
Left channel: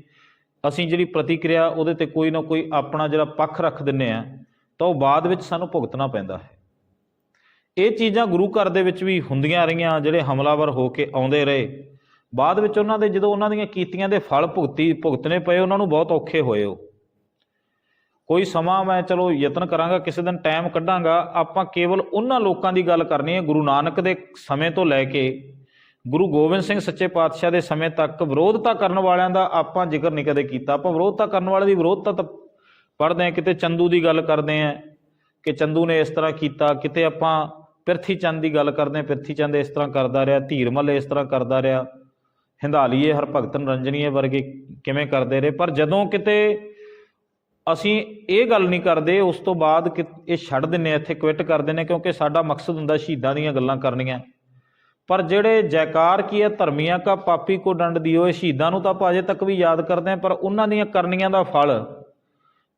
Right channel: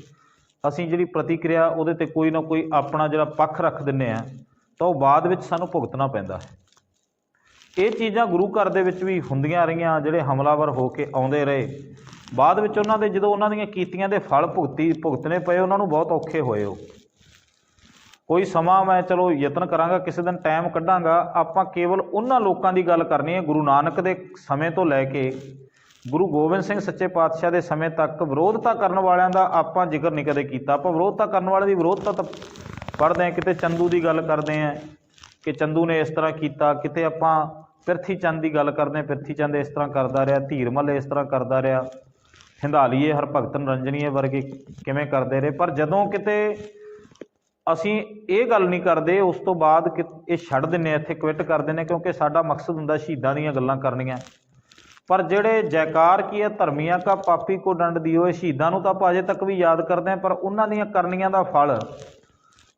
ਅਸੀਂ ਜਿਹੜੀ ਪ੍ਰਤੀਕਿਰਿਆ ਉਹਦੇ 'ਤੇ ਕੋਈ ਨਾ ਕੋਈ ਆਪਣਾ ਜਿਹੜਾ ਪੱਖ ਰੱਖ ਦਿੰਦੇ ਹਾਂ, ਤਾਂ ਉਹ ਬਾਅਦ ਵਿੱਚ ਸਾਨੂੰ ਭੁਗਤਣਾ ਪੈਂਦਾ ਹੈ। ਇਹ ਚੀਜ਼ਾਂ ਗੁਰੂ ਘਰ ਦੇ ਵਿੱਚ ਵੀ ਹੁੰਦੀਆਂ ਰਹੀਆਂ। ਜਿਹੜੇ ਹਮਲਾਵਰ ਹੋ ਕੇ ਆਉਂਦੇ ਰਹੇ, ਬਾਅਦ ਵਿੱਚ ਉਹਨਾਂ ਦੇ ਜਦੋਂ ਉਹਨਾਂ ਦੀਆਂ ਕੀਤੀਆਂ ਦੇ ਫਲ ਭੁਗਤਣੇ ਪਏ, ਉਹਨਾਂ ਨੂੰ ਬਹੁਤ ਔਖੇ ਹੋਏ। ਉਹ ਕੋਈ ਸਮਾਂ ਮੈਂ ਚਲੋ ਯਤਨ ਕਰਾਂਗਾ, ਕਿਸੇ ਦਿਨ ਟਾਈਮ ਕੱਢਾਂਗਾ, ਆਪਾਂ ਕੇਵਲ ਉਹਨਾਂ ਲੋਕਾਂ ਦੀ ਗੱਲ ਕਰਨੀ ਹੈ ਗੁਰੂ ਨਾਨਕ ਦੇ ਸਮੇਂ ਤੋਂ ਲੈ ਕੇ ਗੁਰੂ ਗੋਬਿੰਦ ਸਿੰਘ ਸੱਚੇ ਪਾਤਸ਼ਾਹ ਦੇ ਸਮੇਂ ਤੱਕ ਵਿਰੋਧਤਾ ਕਰਨ ਵਾਲਿਆਂ ਦਾ ਆਪਾਂ ਜ਼ਿਕਰ ਨਹੀਂ ਕਦੇ ਕੀਤਾ। ਆਪਾਂ ਵਿਰੋਧਤਾ ਕਰਨ ਵਾਲੇ ਦੀ ਵਿਰੋਧਤਾ ਤਾਂ ਪੜ੍ਹਦੇ ਹਾਂ, ਕਿਤੇ ਚੰਦੂ ਦੀ ਗੱਲ ਕਰਦੇ ਹਾਂ ਕਿ ਚੰਦੂ ਨੇ ਇਸ ਤਰ੍ਹਾਂ ਕੀਤਾ, ਕਿਤੇ ਆਪਾਂ ਪਿਰਥੀ ਚੰਦ ਦੀ ਗੱਲ ਕਰਦੇ ਹਾਂ, ਪਿਰਥੀ ਚੰਦ ਇਸ ਤਰ੍ਹਾਂ ਕਰਦਾ ਰਿਹਾ, ਧੀਰਮਲ ਇਸ ਤਰ੍ਹਾਂ ਕਰਦਾ ਰਿਹਾ, ਹਿੰਦਾਲੀਏ ਹਰਭਗਤ ਨਰੰਜਨੀਏ ਵਰਗੇ ਕਿਵੇਂ ਕਰਦੇ ਰਹੇ। ਪਰ ਜਦੋਂ ਕਿਤੇ ਅਸੀਂ ਇਹ ਗੱਲ ਨਹੀਂ ਕਰਦੇ, ਉਸ ਤੋਂ ਬਾਅਦ ਕਿ ਇਹ ਛੱਡ ਦਿੰਦੇ, ਇੱਥੇ ਕੁਇਟ ਕਰ ਦਿੰਦੇ, ਕਿਉਂਕਿ ਸਾਡਾ ਮਕਸਦ ਹੁੰਦਾ ਸ਼ਹੀਦਾਂ ਦੀਆਂ ਗੱਲਾਂ ਕਰਨੀਆਂ। ਪਰ ਜਿਹੜੇ ਜੈਕਾਰ ਕੀ ਹੈ, ਧਰਮੀਆਂ ਕਾ ਪਾਪੀ ਕੋ ਡੰਡ ਦਿਓ, ਇਹ ਸ਼ਹੀਦਾਂ ਨੂੰ ਤਾਂ ਆਪਾਂ ਅਜੇ ਤੱਕ ਵੀ ਯਾਦ ਕਰਦੇ ਹਾਂ, ਪਰ ਉਹਨਾਂ ਦੀਆਂ ਕਰਨੀਆਂ ਦਾ ਫਲ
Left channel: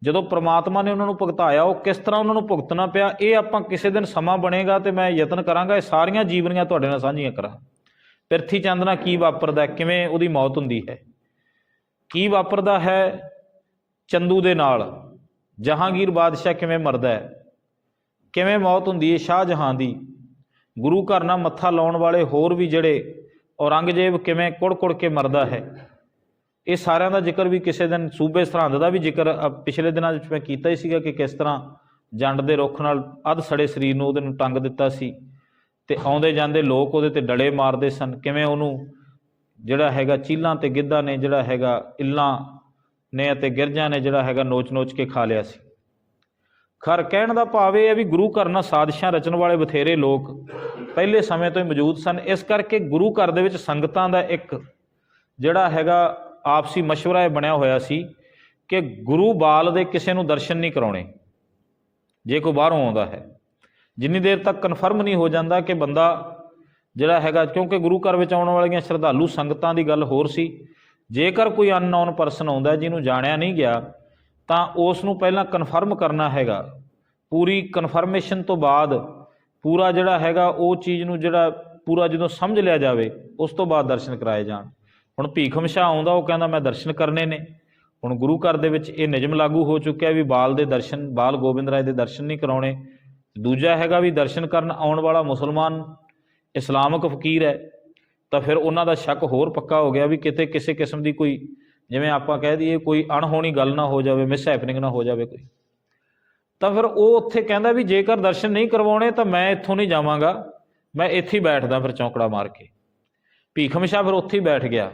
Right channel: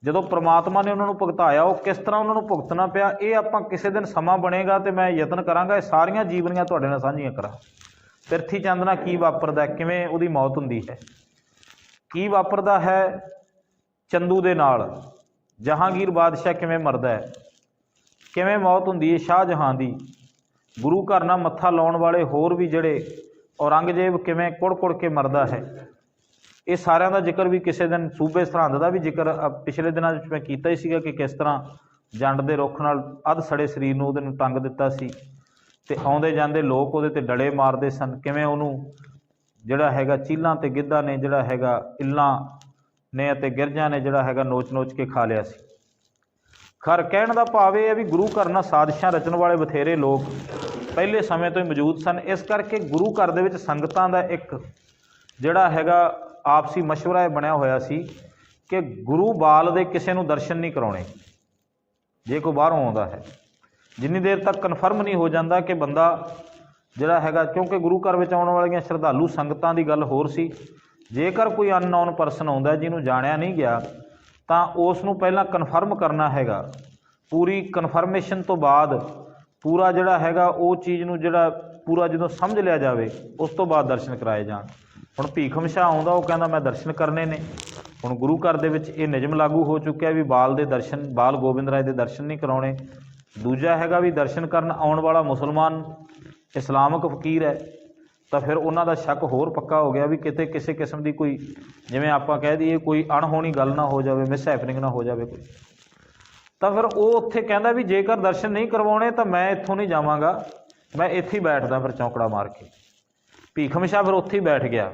ਜਦੋਂ ਪ੍ਰਮਾਤਮਾ ਨੇ ਉਹਨਾਂ ਨੂੰ ਭੁਗਤਾਇਆ, ਉਹ ਕਿਸ ਤਰ੍ਹਾਂ ਉਹਨਾਂ ਨੂੰ ਭੁਗਤਣਾ ਪਿਆ, ਇਹ ਆਪਾਂ ਕਿਸੇ ਦਿਨ ਸਮਾਂ ਬਣੇਗਾ ਤੇ ਮੈਂ ਯਤਨ ਕਰਾਂਗਾ ਇਹ ਸਾਰੀਆਂ ਜੀਵਨੀਆਂ ਤੁਹਾਡੇ ਨਾਲ ਸਾਂਝੀਆਂ ਕਰਾਂ। ਪ੍ਰਿਥੀ ਚੰਦ ਨਾਲ ਕੀ ਵਾਪਰਦਾ, ਕਿਵੇਂ ਉਹਦੀ ਮੌਤ ਹੁੰਦੀ ਹੈ, ਕੀ ਵਾਪਰਦਾ ਹੈ ਚੰਦੂ ਦੇ ਨਾਲ, ਜਹਾਂਗੀਰ ਬਾਦਸ਼ਾਹ ਕਿਵੇਂ ਮਰਦਾ ਹੈ, ਕਿਵੇਂ ਮੌਤ ਹੁੰਦੀ ਹੈ ਸ਼ਾਹਜਹਾਂ ਦੀ, ਗੁਰੂ ਘਰ ਨਾਲ ਮੱਥਾ ਲਾਉਣ ਵਾਲੇ ਹੋਰ ਵੀ ਜਿਹੜੇ ਔਰੰਗਜ਼ੇਬ ਕਿਵੇਂ ਕੁੜ ਕੇ ਮਰਦਾ ਹੈ। ਇਹ ਸਾਰਿਆਂ ਦਾ ਜ਼ਿਕਰ ਵੀ ਕਿਸੇ ਦਿਨ, ਸੂਬੇ ਸਰਹੰਦ ਦਾ ਵੀ ਜ਼ਿਕਰ ਪਿਛਲੇ ਦਿਨਾਂ ਵਿੱਚ ਮੈਂ ਕੀਤਾ ਹੀ ਸੀਗਾ ਕਿ ਕਿਸ ਤਰ੍ਹਾਂ ਜੰਡ ਦੇ ਰੁੱਖ ਨਾਲ ਅੱਧ ਸੜੇ ਸਰੀਰ ਨੂੰ ਉਹਦੇ ਨੂੰ ਟੰਗ ਦਿੱਤਾ ਸੀ ਤੇ ਆਉਂਦੇ ਜਾਂਦੇ ਲੋਕ ਉਹਦੇ ਤੇ ਡਲੇ ਮਾਰਦੇ ਸਨ, ਕਿਵੇਂ ਉਹਨੂੰ ਜਿਹੜਾ ਹੈਗਾ ਚੀਲਾਂ ਤੇ ਗਿੱਧਾ ਨੇ ਜਿਹੜਾ ਹੈਗਾ ਇੱਲਾਂ ਨੇ ਅਤੇ ਗਿਰਜਾਂ ਨੇ ਜਿਹੜਾ ਹੈਗਾ ਨੋਚ ਕੇ ਖਾ ਲਿਆ ਸੀ। ਖਰ ਕਹਿਣ ਦਾ ਭਾਵ ਇਹ ਹੈ ਵੀ ਗੁਰੂ ਘਰ ਨਾਲ ਸਾਜ਼ਿਸ਼ਾਂ ਰਚਣ ਵਾਲੇ ਬਥੇਰੇ ਲੋਕ ਪਹਿਲੇ ਸਮੇਂ ਤੋਂ ਹੀ ਮੌਜੂਦ ਸਨ। ਇਸ ਕਰਕੇ ਗੁਰੂ ਘਰ ਦੇ ਵਿੱਚ ਸੰਗਤਾਂ ਦਾ ਇੱਕ ਜਿਹੜਾ ਹੈਗਾ ਆਪਸੀ ਮਸ਼ਵਰਾ ਇਹ ਬਣਿਆ ਹੋਇਆ ਸੀ ਕਿ ਗੁਰੂ ਬਾਲ ਦੇ ਕਿਸੇ ਨੂੰ ਦਰਸ਼ਨ ਨਹੀਂ ਕਰਾਉਣੇ ਜੇ ਕੋਈ ਬਾਹਰੋਂ ਆਉਂਦਾ ਹੈ, ਜਿੰਨੀ ਦੇਰ ਤੱਕ ਕਨਫਰਮ ਨਹੀਂ ਹੋ ਜਾਂਦਾ ਕਿ ਬੰਦਾ ਜਿਹੜਾ ਹੈਗਾ, ਕਿਉਂਕਿ ਗੁਰੂ ਘਰ ਵਿੱਚ ਆਉਣ ਵਾਲੀਆਂ ਸ਼ਰਧਾਲੂ ਸੰਗਤਾਂ ਦੀ ਗੱਲ ਹੋਰ ਸੀ। ਜੇਕਰ ਕੋਈ ਅਨਨੋਨ ਪਰਸਨ ਆਉਂਦਾ ਜਿਹਨੂੰ ਜਾਣਿਆ ਨਹੀਂ ਗਿਆ ਤਾਂ ਉਸ ਨੂੰ ਪਹਿਲਾਂ ਕਨਫਰਮ ਕਰਨਾ ਹੈਗਾ, ਪੂਰੀ ਕਨਫਰਮੇਸ਼ਨ ਤੋਂ ਬਾਅਦ ਪੂਰਾ ਜਿਹੜਾ ਹੈਗਾ ਉਹ ਚੀਜ਼ ਨੂੰ ਜਿਹੜਾ ਪੂਰਾ ਜਦੋਂ ਸਮਝ ਲਿਆ ਜਾਵੇ ਉਸ ਤੋਂ ਬਾਅਦ ਦਰਸ਼ਨ ਕਰਾਏ ਜਾਣ। ਹੁਣ ਭੀਖਮ ਸ਼ਾਹ ਆਉਂਦਾ, ਉਹ ਕਹਿੰਦਾ ਮੈਂ ਦਰਸ਼ਨ ਕਰਨੇ ਨੇ। ਹੁਣ ਗੁਰੂ ਘਰ ਦੇ ਵਿੱਚ ਇਹ ਨਿਯਮ ਲਾਗੂ ਹੋ ਚੁੱਕਿਆ ਵੀ ਬਾਲ ਦੇ ਦਰਸ਼ਨ, ਬਾਲ ਗੋਬਿੰਦ ਰਾਏ ਦੇ ਦਰਸ਼ਨ ਨਹੀਂ ਕਰਾਉਣੇ। ਦੂਜਾ ਹੈਗਾ ਵੀ ਦਰਸ਼ਨ ਕਰਨ ਆਉਣ ਵਾਲਾ ਮੁਸਲਮਾਨ ਇਸਲਾਮਿਕ ਫਕੀਰ ਹੈ ਤਾਂ ਫਿਰ ਉਹਨਾਂ ਦਾ ਸ਼ੱਕ ਹੋਰ ਪੱਕਾ ਹੋ ਗਿਆ ਵੀ ਕਿਤੇ ਕਿਸੇ ਕਿਸਮ ਦੀ ਕੋਈ, ਜਿਵੇਂ ਆਪਾਂ ਕਹਿ ਦਈਏ, ਕੋਈ ਅਣਹੋਣੀ ਗੱਲ ਨਾ ਹੋ ਜਾਵੇ, ਮਿਸ ਹੈਪਨਿੰਗ ਨਾ ਹੋ ਜਾਵੇ ਕੋਈ। ਤਾਂ ਫਿਰ ਉਹ ਉੱਥੇ ਕਹਿੰਦਾ ਵੀ ਜੇਕਰ ਦਰਸ਼ਨ ਨਹੀਂ ਕਰਵਾਉਣੇ ਤਾਂ ਮੈਂ ਇੱਥੋਂ ਨਹੀਂ ਜਾਵਾਂਗਾ, ਮੈਂ ਇੱਥੇ ਹੀ ਬੈਠਦਾ ਫਿਰ ਚੌਂਕੜਾ ਮਾਰ ਕੇ। ਭੀਖਮ ਸ਼ਾਹ ਫਿਰ ਉੱਥੇ ਹੀ ਬੈਠ ਗਿਆ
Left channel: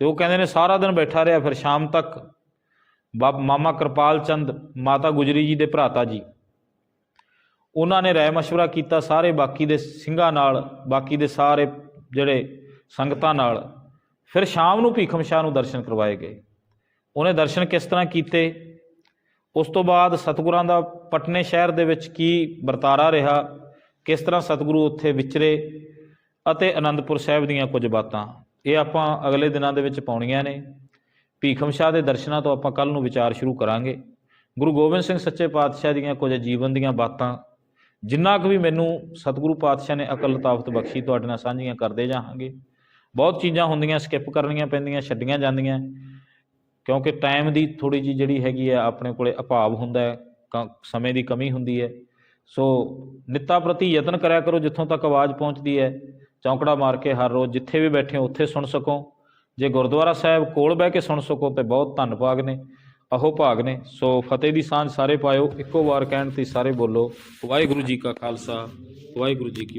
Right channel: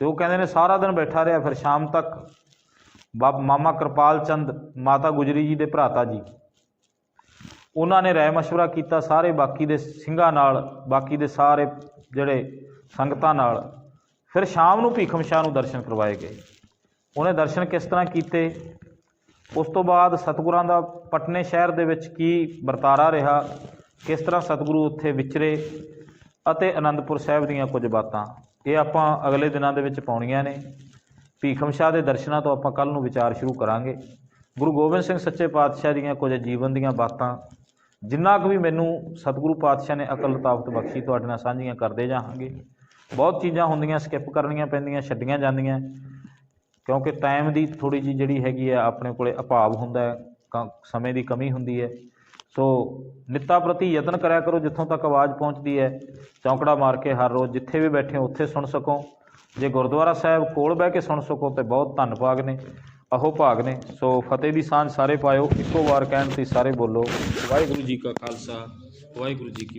ਤੇ ਉਹ ਕਹਿੰਦੇ ਨੇ ਸਾਰਾ ਦਿਨ ਬੈਠਾ ਰਿਹਾ। ਫਿਰ ਸ਼ਾਮ ਤੱਕ ਮਾਮਾ ਕਿਰਪਾਲ ਚੰਦ, ਮਾਤਾ ਗੁਜਰੀ ਜੀ ਦੇ ਭਰਾਤਾ ਜੀ, ਉਹਨਾਂ ਨੇ ਰਾਏ ਮਸ਼ਵਰਾ ਕੀਤਾ ਸਾਰੇ ਬਾਕੀ ਦੇ ਸਿੰਘਾਂ ਨਾਲ, ਬਾਕੀ ਦੇ ਸਾਰੇ ਜਿਹੜੇ ਸੰਗਤਾਂ ਨਾਲ। ਫਿਰ ਸ਼ਾਮ ਨੂੰ ਭੀਖਮ ਸ਼ਾਹ ਨੂੰ ਦਰਸ਼ਨ ਕਰਵਾਏ ਗਏ। ਉਹਨੇ ਦਰਸ਼ਨ ਕਿਸ ਤਰ੍ਹਾਂ ਕੀਤੇ, ਉਸ ਤੋਂ ਬਾਅਦ ਸਤਿਗੁਰਾਂ ਦਾ ਪਟਨੇ ਸ਼ਹਿਰ ਦੇ ਵਿੱਚ ਕੀ ਵਰਤਾਰਾ ਰਿਹਾ, ਕਿਸ ਤਰ੍ਹਾਂ ਸਤਿਗੁਰੂ ਉੱਥੇ ਵਿਚਰੇ ਅਤੇ ਅਨੰਦਪੁਰ ਸਾਹਿਬ ਦੀਆਂ ਕੁਝ ਬਾਤਾਂ, ਇਹ ਆਪਾਂ ਅਗਲੇ ਦਿਨਾਂ ਦੇ ਵਿੱਚ ਪਾਉਣੀਆਂ ਨੇ। ਭੀਖਮ ਸ਼ਾਹ ਦੇ ਦਰਸ਼ਨਾਂ ਤੋਂ ਆਪਾਂ ਕੱਲ੍ਹ ਨੂੰ ਵਿਚਾਰ ਸ਼ੁਰੂ ਕਰਾਂਗੇ। ਗੁਰੂ ਗੋਬਿੰਦ ਸਿੰਘ ਸੱਚੇ ਪਾਤਸ਼ਾਹ ਦੀਆਂ ਕੁਝ ਜੀਵਨ ਦੀਆਂ ਬਾਤਾਂ, ਜਿੰਨਾ ਕੁ ਵੀ ਮੈਨੂੰ ਸਤਿਗੁਰੂ ਪਾਤਸ਼ਾਹ ਨੇ ਅਕਲ ਤਾਕਤ ਬਖਸ਼ੀ, ਤੁਹਾਡੇ ਨਾਲ ਸਾਂਝੀਆਂ ਕਰਦੇ ਜਾਵਾਂਗੇ। ਬਹੁਤ ਚੀਜ਼ਾਂ ਹੁੰਦੀਆਂ ਸਕਿਪ ਕਰਨੀਆਂ ਪੈਂਦੀਆਂ, ਛੱਡੀਆਂ ਜਾਂਦੀਆਂ, ਕਿਉਂਕਿ ਟਾਈਮ ਦੀ ਥੋੜ੍ਹੀ ਜਿਹੀ ਜਿਹੜੀ ਹੈਗੀ ਆ ਆਪਣੇ ਕੋਲੇ ਅਭਾਵ ਹੁੰਦਾ ਹੈ, ਸਮੇਂ ਦੀ ਕਮੀ ਹੁੰਦੀ ਹੈ। ਸੋ ਨਿੱਤਾ ਪ੍ਰਤੀ ਯਤਨ ਕਰਿਆ ਕਰੋ, ਜਿੱਥੋਂ ਤੱਕ ਆਵਾਜ਼ ਪਹੁੰਚਦੀ ਹੈ ਚੌਂਕੜਾ ਮਾਰ ਕੇ ਹਰ ਰੋਜ਼ ਜਿੱਥੇ ਵੀ ਬੈਠੇ ਹੋ ਉੱਥੇ ਸੁਣ ਸਕੋ। ਜੇ ਗੁਰਦੁਆਰਾ ਸਾਹਿਬ ਕੋਲ ਬਹਿ ਕੇ ਸੁਣ ਸਕੋ ਤਾਂ ਬਹੁਤ ਧੰਨ ਭਾਗ ਨੇ, ਅਹੋ ਭਾਗ ਨੇ। ਸੋ ਫਤਿਹ ਦੀ ਸਾਂਝ ਸਾਰੇ ਪਾਇਓ, ਇੱਕੋ ਵਾਰ ਕਹਿਣ ਤੇ ਸਾਰੇ ਬੋਲੋ ਵਾਹਿਗੁਰੂ ਜੀ ਕਾ ਖਾਲਸਾ, ਵਾਹਿਗੁਰੂ ਜੀ ਕੀ